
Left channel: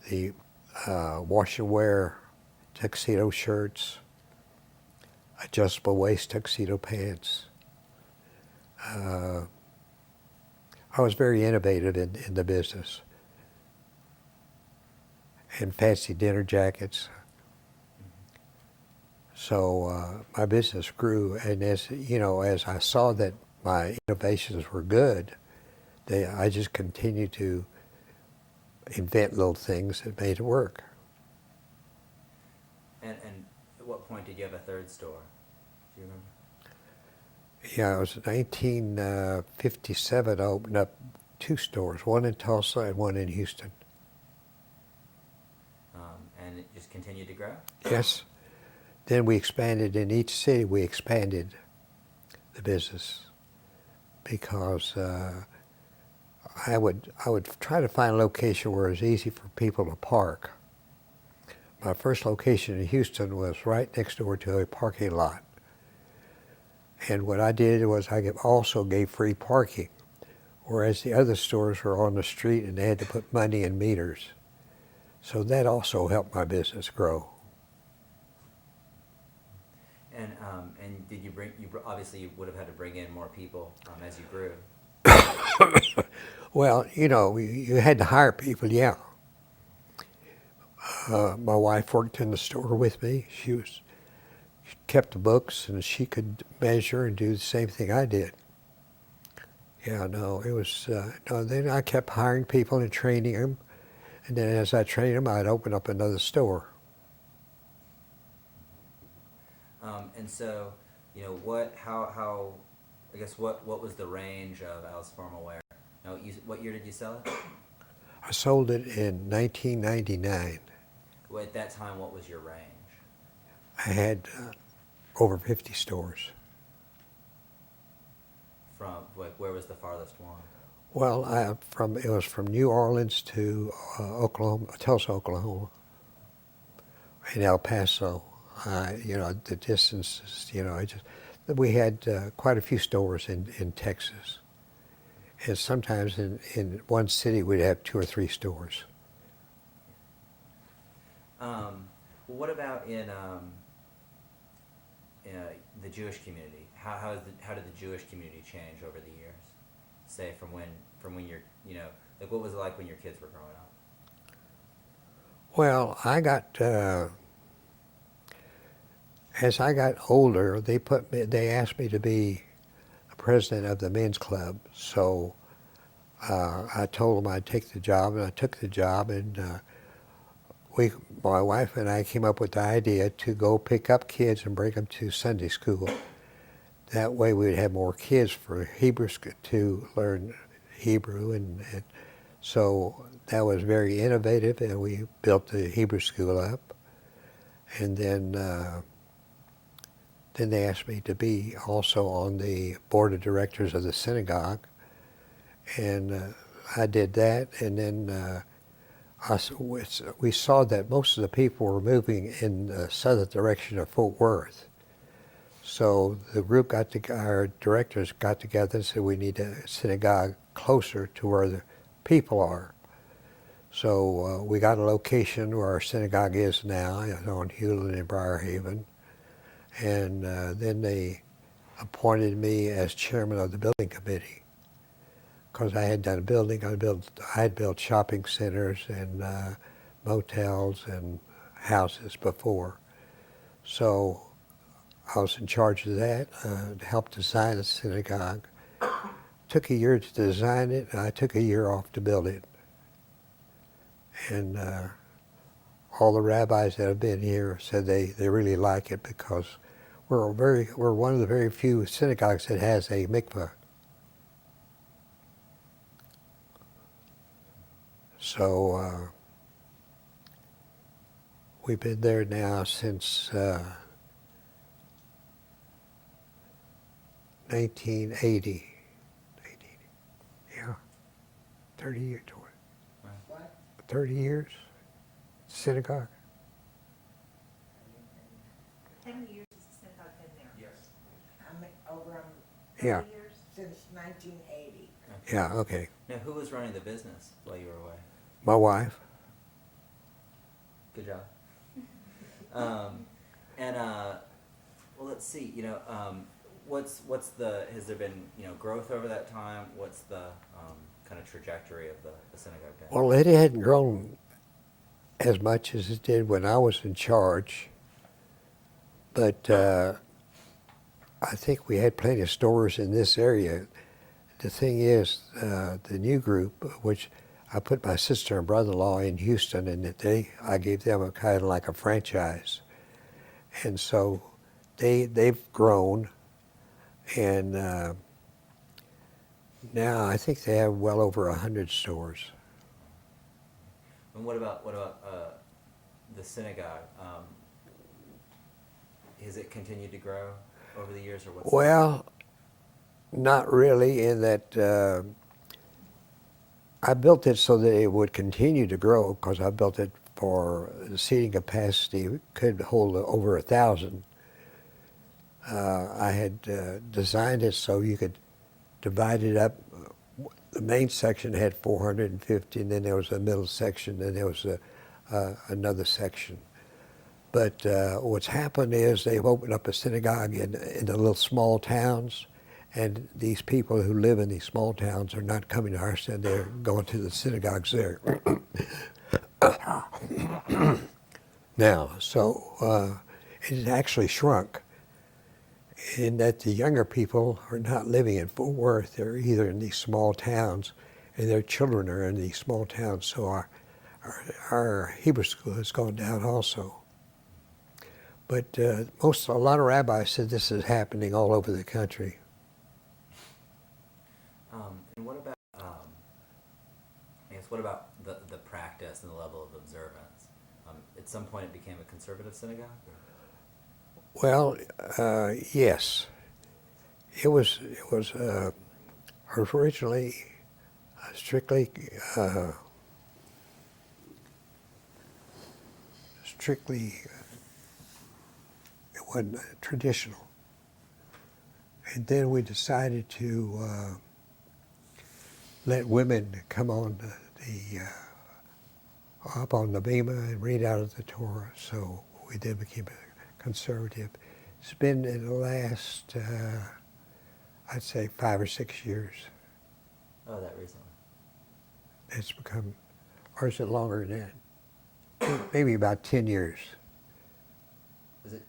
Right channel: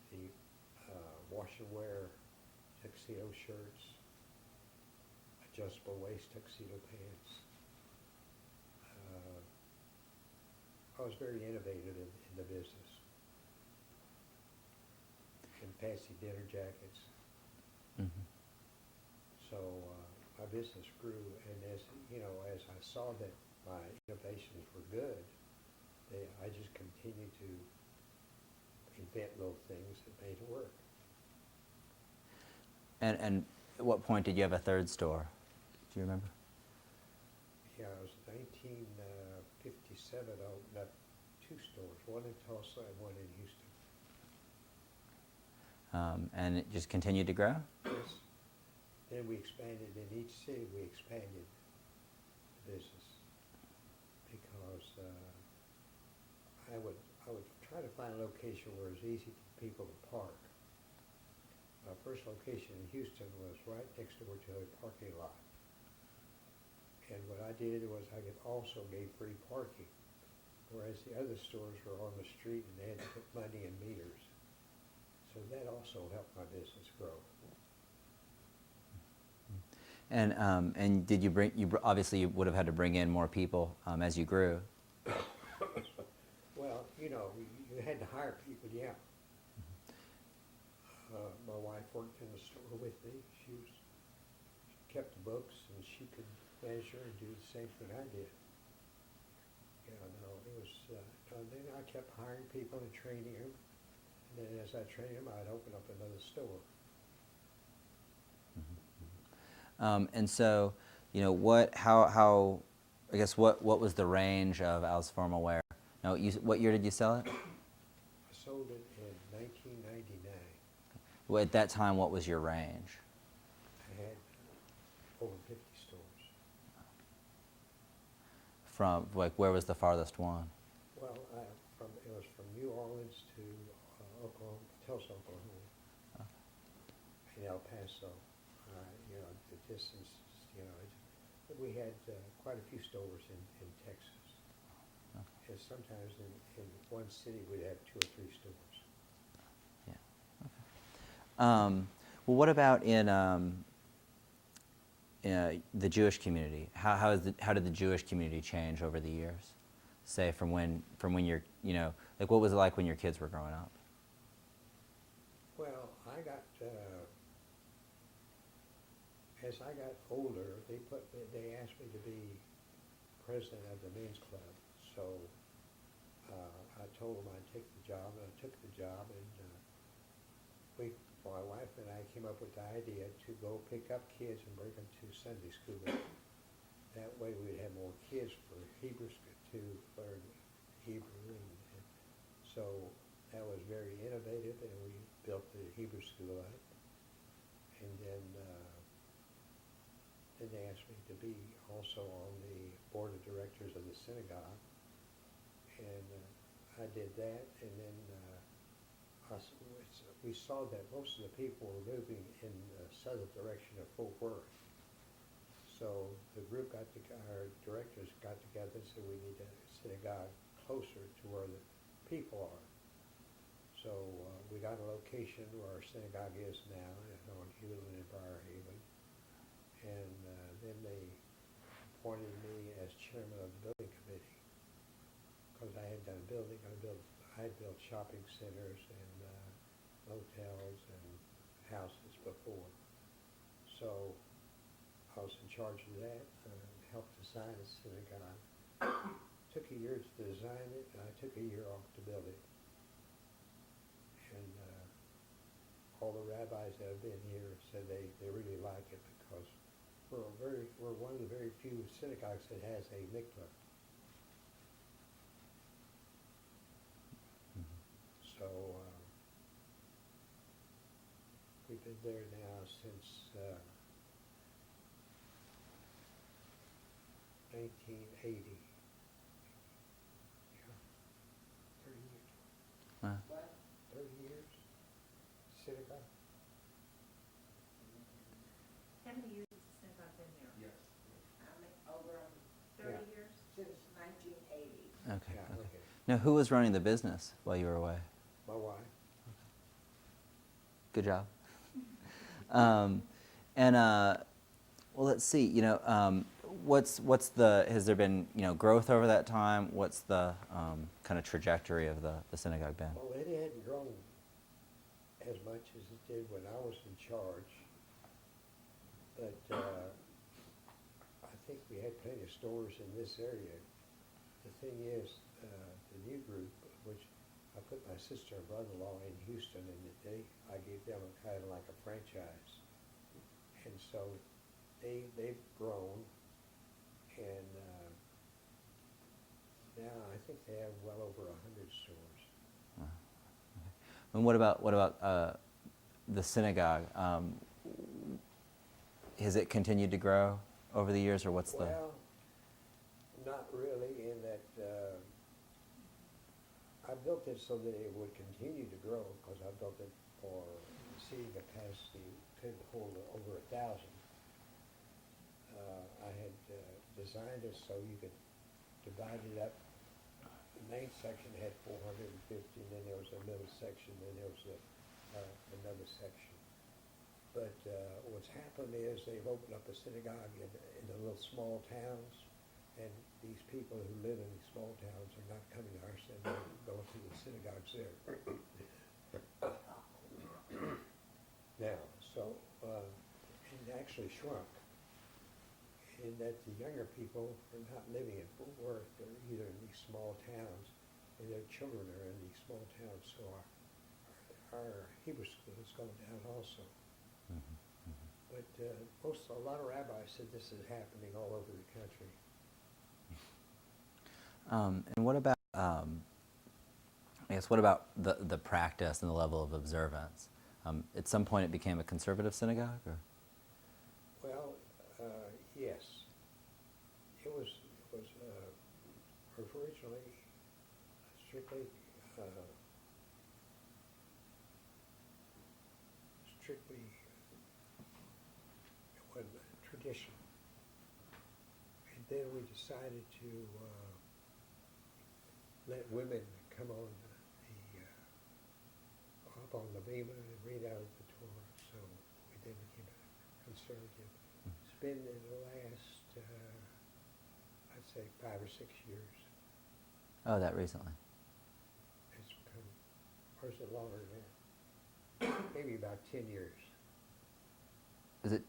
the wash and wear tuxedo shirts, adjustable waist tuxedo pants. I was very innovative in the business. And fancy dinner jackets. Mm-hmm. So my business grew, and as I saw that my innovations were good, I just continued to invent little things that made it work. And at what point did you have a third store? Do you remember? Yeah, it was 1957. I opened up 2 stores, one in Tulsa and one in Houston. And it just continued to grow? Yes. Then we expanded in each city. We expanded the business because I would try to find a location where it was easy for people to park. My first location in Houston was right next door to a parking lot. And what I did was I also gave free parking, whereas the other stores were on the street and they had to put money in meters. So that also helped my business grow. And did you obviously you would have had to bring in more people as you grew. Well, you had to hire people, yeah. My wife worked in the store with me. She kept the books, and she could measure and do the same thing I did. Yeah, no, it was, then I kept hiring people and training them. And then as I trained them, I'd open up another store. And so, what was the range of Al's formal wear? Now, what year did you sell it? I sold it in 1999. Well, at that time, what was your range? I had over 50 stores. From, where was the farthest one? Well, it was from New Orleans to Oklahoma, Tulsa, Oklahoma, and El Paso. The distances, we had quite a few stores in Texas. And sometimes in one city we'd have 2 or 3 stores. Well, what about in the Jewish community? How did the Jewish community change over the years? Say from when you're, what was it like when your kids were growing up? Well, as I got older, they asked me to be a president of the men's club. So I told them I'd take the job, and I took the job, and my wife and I came up with the idea to go pick up kids and bring them to Sunday school. That way we'd have more kids for Hebrews to learn Hebrew, and so that was very innovative, and we built the Hebrew school up. And then they asked me to be also on the board of directors of the synagogue, and I did that. And then we saw that most of the people were moving in the southern direction of Fort Worth. So the group our directors got together and said we need a synagogue closer to where the people are. So we got a location where our synagogue is now, on Hewlin and Briarhaven. And then they appointed me as chairman of the building committee, because I had done building. I had built shopping centers and motels and houses before. So I was in charge of that, helped design the synagogue. Took a year to design it, and I took a year off to build it. And all the rabbis that have been here said they really like it, because we're one of the very few synagogues that has a mikveh. So we've been there now since 1980. Yeah, 30 years. What? 30 years, synagogue. How many years has the synagogue been there? Yes. I'm over Yeah, 30 years? since 1980. Okay. yeah, okay. Now, who was running the business while you were away? My wife. Good job. Well, let's see. What's the, has there been growth over that time? What's the kind of trajectory of the synagogue been? Well, it hadn't grown as much as it did when I was in charge, but I think we had plenty of stores in this area. The thing is, the new group, which I put my sister and brother-in-law in Houston, and I gave them a kind of like a franchise, and so they've grown, and now I think they have well over 100 stores. And what about the synagogue? Has it continued to grow over the years, or what's? Well, not really, in that I built it so that it would continue to grow, because I built it for the seating capacity. It could hold over 1,000. I had designed it so you could divide it up. The main section had 450, and then there was a middle section, and there was another section. But what's happened is they've opened up a synagogue in the little small towns, and these people who live in these small towns are not coming to our synagogue, they're going to the synagogues there. Now, so it actually shrunk, in that the younger people are not living in Fort Worth. They're either in these small towns, and their children are in these small towns. So our Hebrew school has gone down also. But a lot of rabbis said this is happening all over the country. And what about, what about the practice and the level of observance? At some point, it became a conservative synagogue, or? Well, yes. It was originally strictly it wasn't traditional. And then we decided to let women come on up on the bima and read out of the Torah. So we did become conservative. It's been in the last, I'd say 5 or 6 years. Oh, that recently. It's become, or is it longer than that? Maybe about 10 years. Is it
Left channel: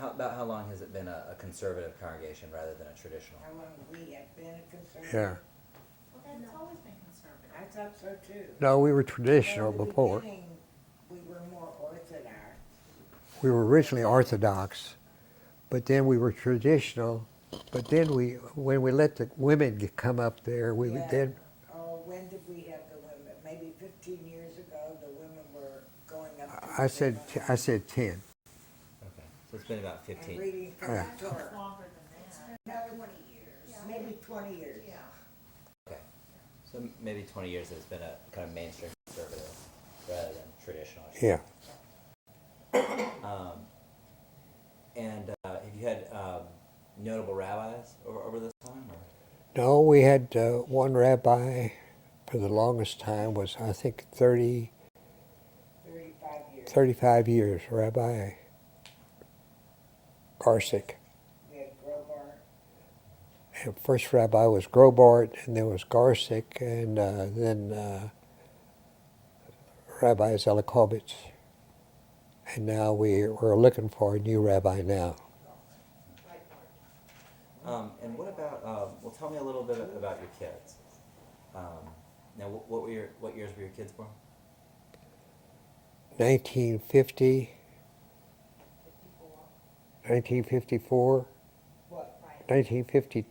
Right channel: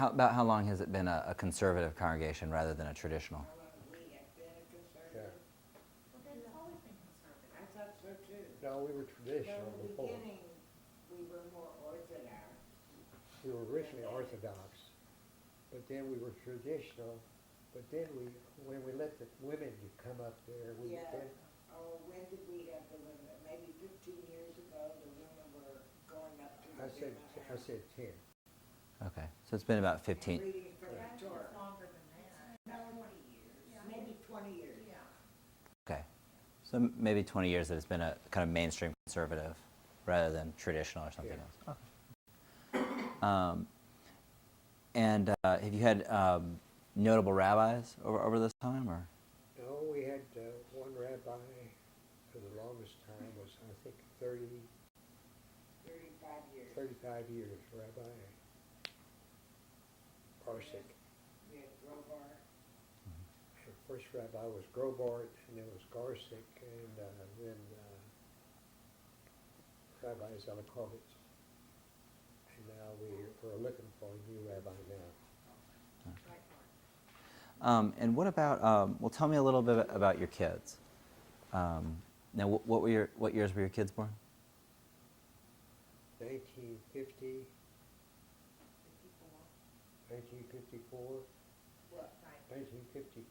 about how long has it been a conservative congregation rather than a traditional? How long have we have been a conservative? Yeah. Well, that's always been conservative. I thought so too. No, we were traditional Well, in the before. beginning, we were more orthodox. We were originally Orthodox, but then we were traditional. But then when we let the women come up there, we Yeah. then, Oh, when did we have the women? Maybe 15 I said 10. Okay, so it's been about 15. Reading from Yeah. the Torah. Longer than that. No, 20 years, maybe 20 years. Yeah. Okay, so maybe 20 years that it's been a kind of mainstream conservative rather than traditional or something. Yeah. And have you had notable rabbis over this time, or? No, we had one rabbi for the longest time was, I think, 35 years. 35 years, Rabbi Garsick. We had Grobar. And first rabbi was Grobart, and then was Garsick, and then Rabbi Zelikovich. And now we're looking for a new rabbi now. And what about? Well, tell me a little bit about your kids. Now, what years were your kids born? 1950, 1954, What? 1950.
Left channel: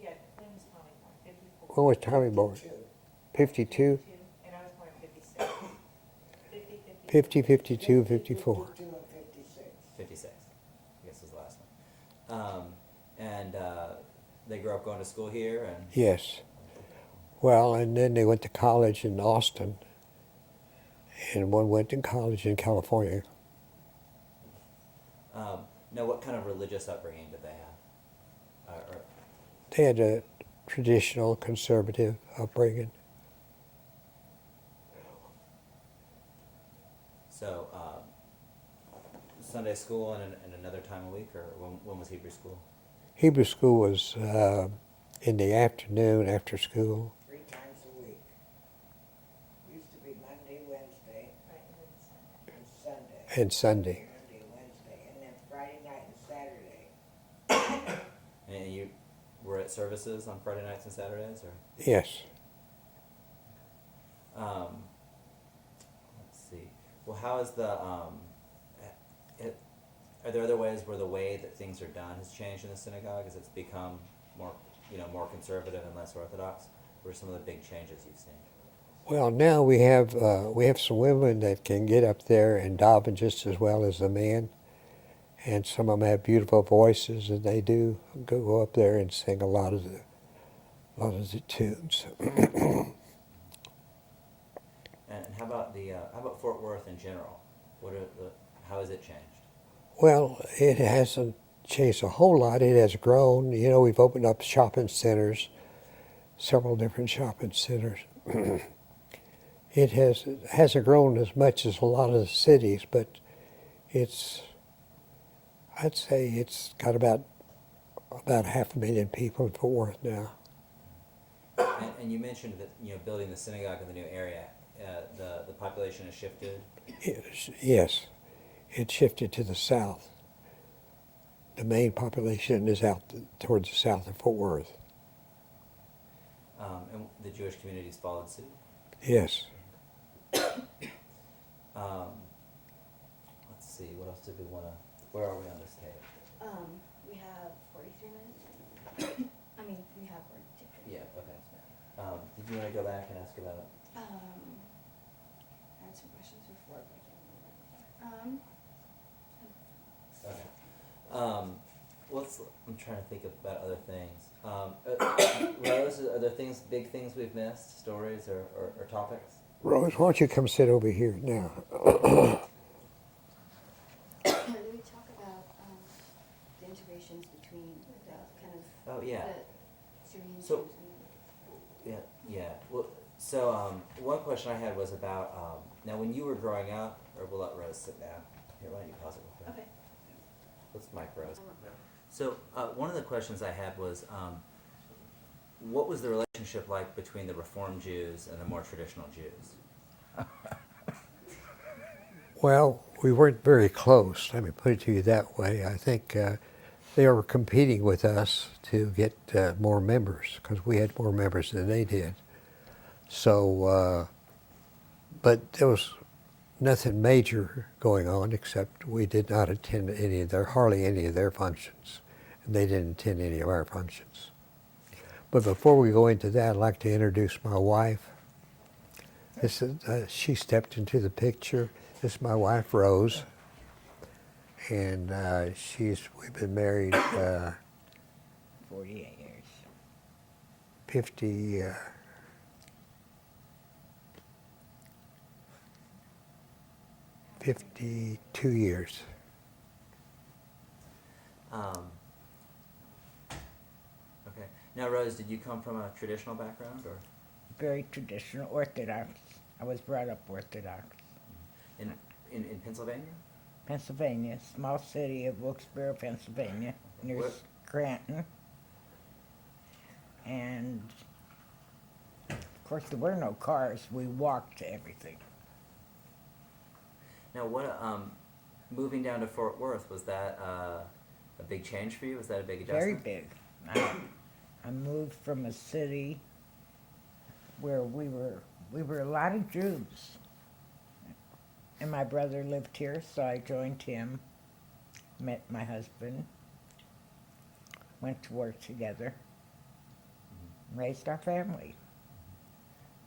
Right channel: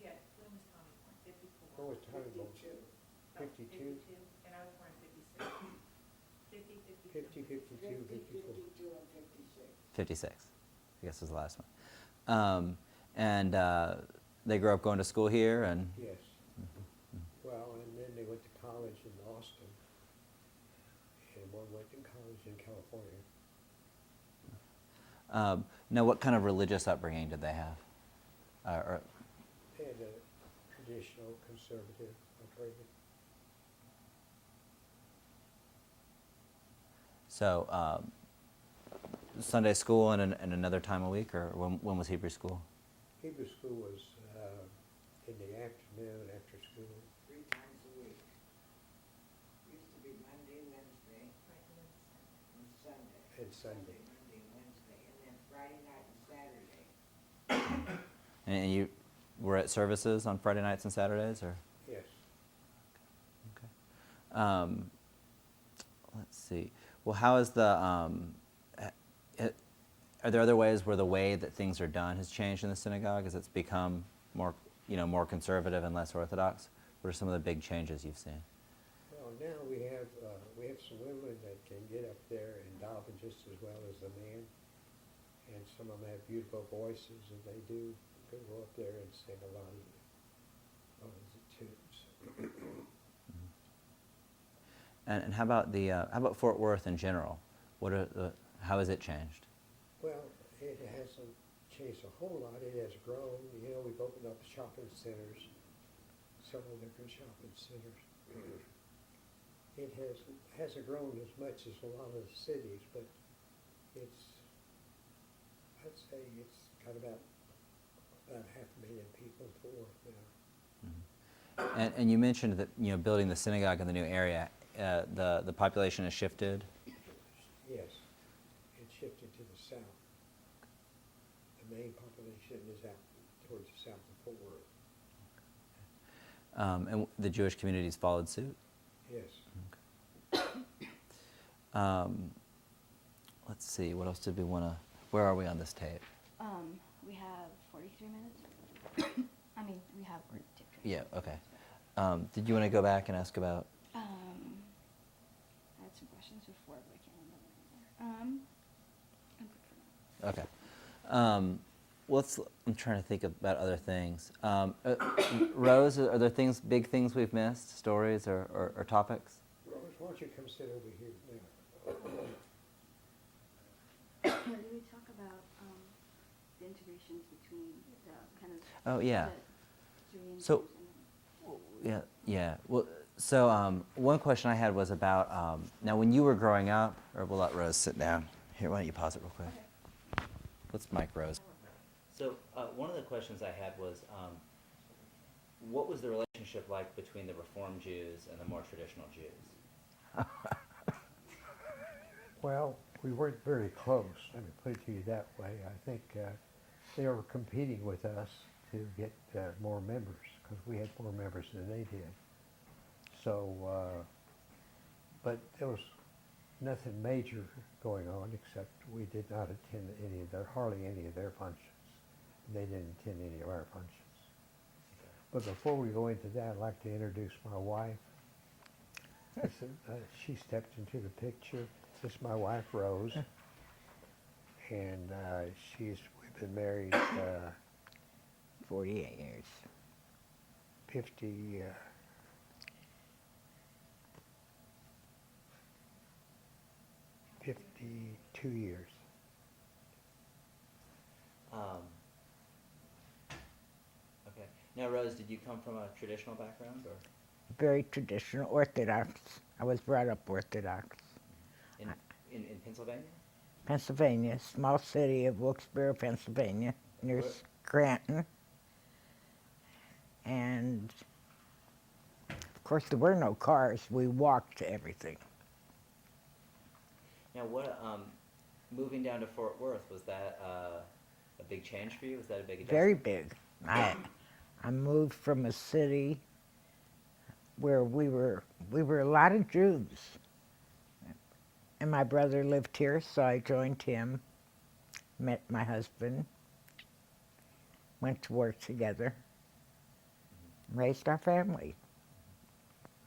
Yeah, when was Tommy born? 54. When was Tommy born? 52, And I was born in 56. 50, 52, 54. 52 and 56. 56, I guess was the last one. And they grew up going to school here, and Yes. Well, and then they went to college in Austin, and one went to college in California. now, what kind of religious upbringing did they have? Or, They had a traditional conservative upbringing. so, Sunday school and another time a week, or when was Hebrew school? Hebrew school was in the afternoon after school. 3 times a week. Used to be Monday, Wednesday, and Sunday. And Sunday. Monday, Wednesday, and then Friday night and Saturday. And you were at services on Friday nights and Saturdays, or? Yes. Let's see. Well, how is the? Are there other ways where the way that things are done has changed in the synagogue as it's become more, more conservative and less orthodox? What are some of the big changes you've seen? Well, now we have some women that can get up there and daven just as well as the men, and some of them have beautiful voices, and they do go up there and sing a lot of the tunes. And how about Fort Worth in general? How has it changed? Well, it hasn't changed a whole lot. It has grown. We've opened up shopping centers, several different shopping centers. It hasn't grown as much as a lot of the cities, but I'd say it's got about 500,000 people in Fort Worth now. And you mentioned that building the synagogue in the new area, the population has shifted. Yes, it shifted to the south. The main population is out towards the south of Fort Worth. And the Jewish communities followed suit. Yes. Let's see. What else did we want to? Where are we on this tape? We have 43 minutes. We have 42. Yeah. Okay. Did you want to go back and ask about? I had some questions before, but I can't remember. Okay. I'm trying to think about other things. Rose, are there big things we've missed, stories or topics? Rose, why don't you come sit over here now? Did we talk about the integrations between the kind of Oh yeah. the Syrian So- Jews and Yeah. Well, so one question I had was about now when you were growing up, or we'll let Rose sit down. Here, why don't you pause it real quick? Okay. Let's mic Rose. So one of the questions I had was, what was the relationship like between the Reform Jews and the more traditional Jews? Well, we weren't very close. Let me put it to you that way. I think they were competing with us to get more members because we had more members than they did. So, but there was nothing major going on except we did not attend hardly any of their functions, and they didn't attend any of our functions. But before we go into that, I'd like to introduce my wife. This is she stepped into the picture. This is my wife, Rose, and we've been married 48 years. 50, 52 years. Okay. Now, Rose, did you come from a traditional background, or Very traditional, Orthodox. I was brought up Orthodox. in Pennsylvania? Pennsylvania, small city of Wilkes-Barre, Pennsylvania, near Where- Scranton. And of course, there were no cars. We walked to everything. Now, what moving down to Fort Worth, was that a big change for you? Was that a big adjustment? Very big. I moved from a city where we were a lot of Jews. And my brother lived here, so I joined him, met my husband, went to work together, raised our family.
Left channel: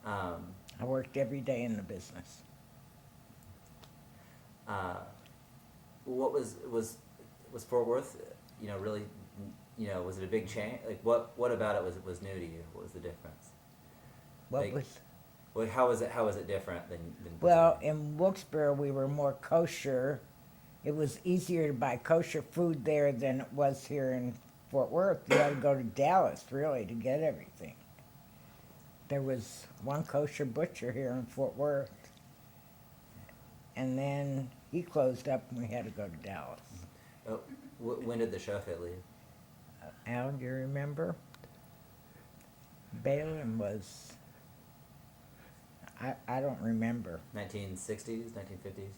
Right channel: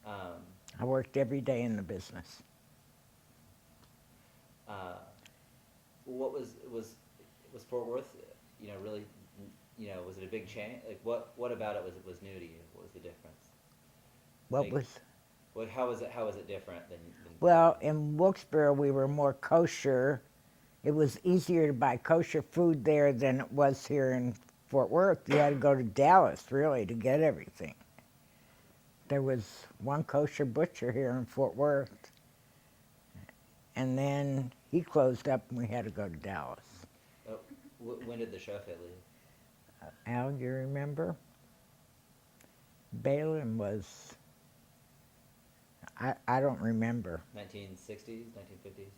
I worked every day in the business. What was Fort Worth? Really, was it a big change? Like, what about it was new to you? What was the difference? What Like, was Well, how was it different than well in Wilkes-Barre we were more kosher. It was easier to buy kosher food there than it was here in Fort Worth. You had to go to Dallas really to get everything. There was one kosher butcher here in Fort Worth, and then he closed up and we had to go to Dallas. Oh, when did the Shofet leave? Al, you remember? Balin was, I don't remember. 1960s, 1950s.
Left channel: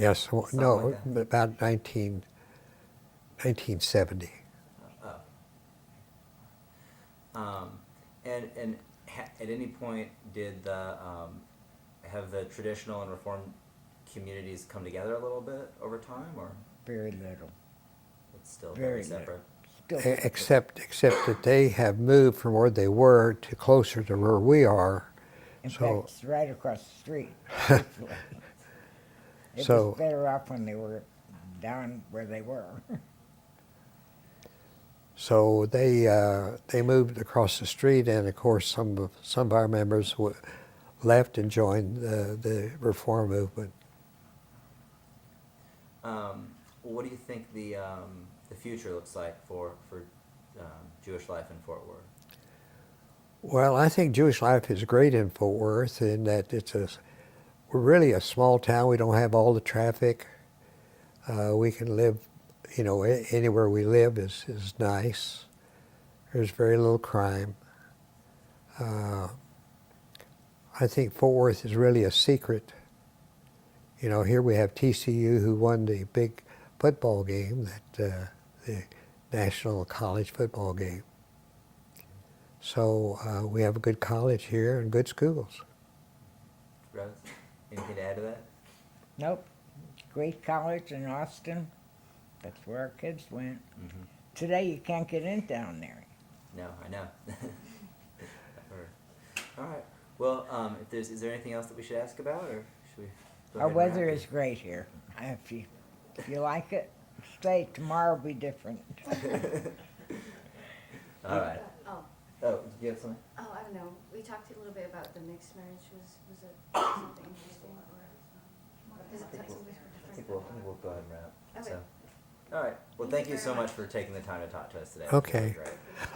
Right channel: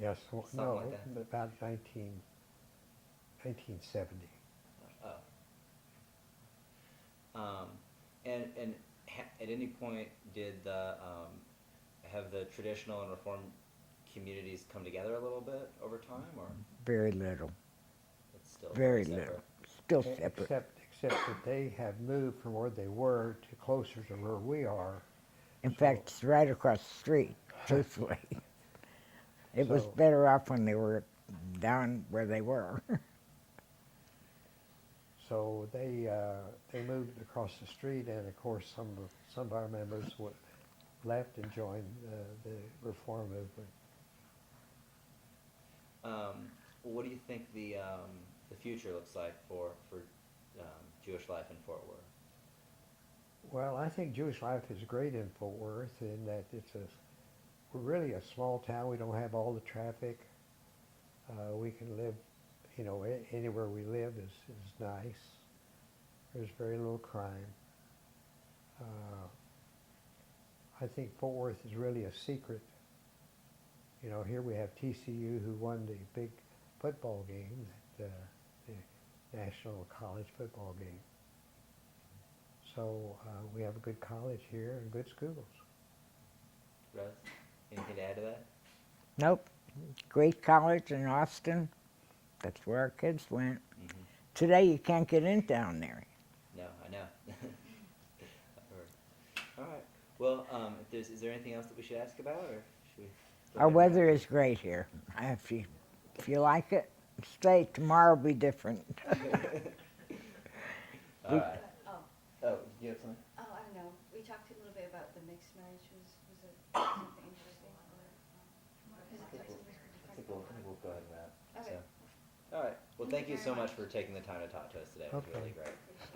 Yes, well, Something no, like that. about 1970. Oh. At any point did have the traditional and reformed communities come together a little bit over time, or Very little. it's still Very separate? little. Still Except that they have moved from where they were to closer to where we are. In So- fact, it's right across the street. This way. It So- was better off when they were down where they were. So they moved across the street, and of course some of our members left and joined the reform movement. What do you think the future looks like for Jewish life in Fort Worth? Well, I think Jewish life is great in Fort Worth in that we're really a small town. We don't have all the traffic. We can live, anywhere we live is nice. There's very little crime. I think Fort Worth is really a secret. Here we have TCU who won the big football game, the National College football game. So we have a good college here and good schools. Rose, anything to add to that? Nope. Great college in Austin. That's where our kids went. Mm-hmm. Today you can't get in down there. No, I know. I've heard. All right. Well, is there anything else that we should ask about, or should we? Go Our ahead and wrap? weather is great here. If you like it, stay. Tomorrow will be different. All right. Oh, Oh, did you have something? I don't know. We talked a little bit about the mixed marriage. Was it something interesting? Is it something I think we'll go ahead and wrap. Okay. So, all right. Well, thank you so much for taking the time to talk to us today. Okay. It was really great.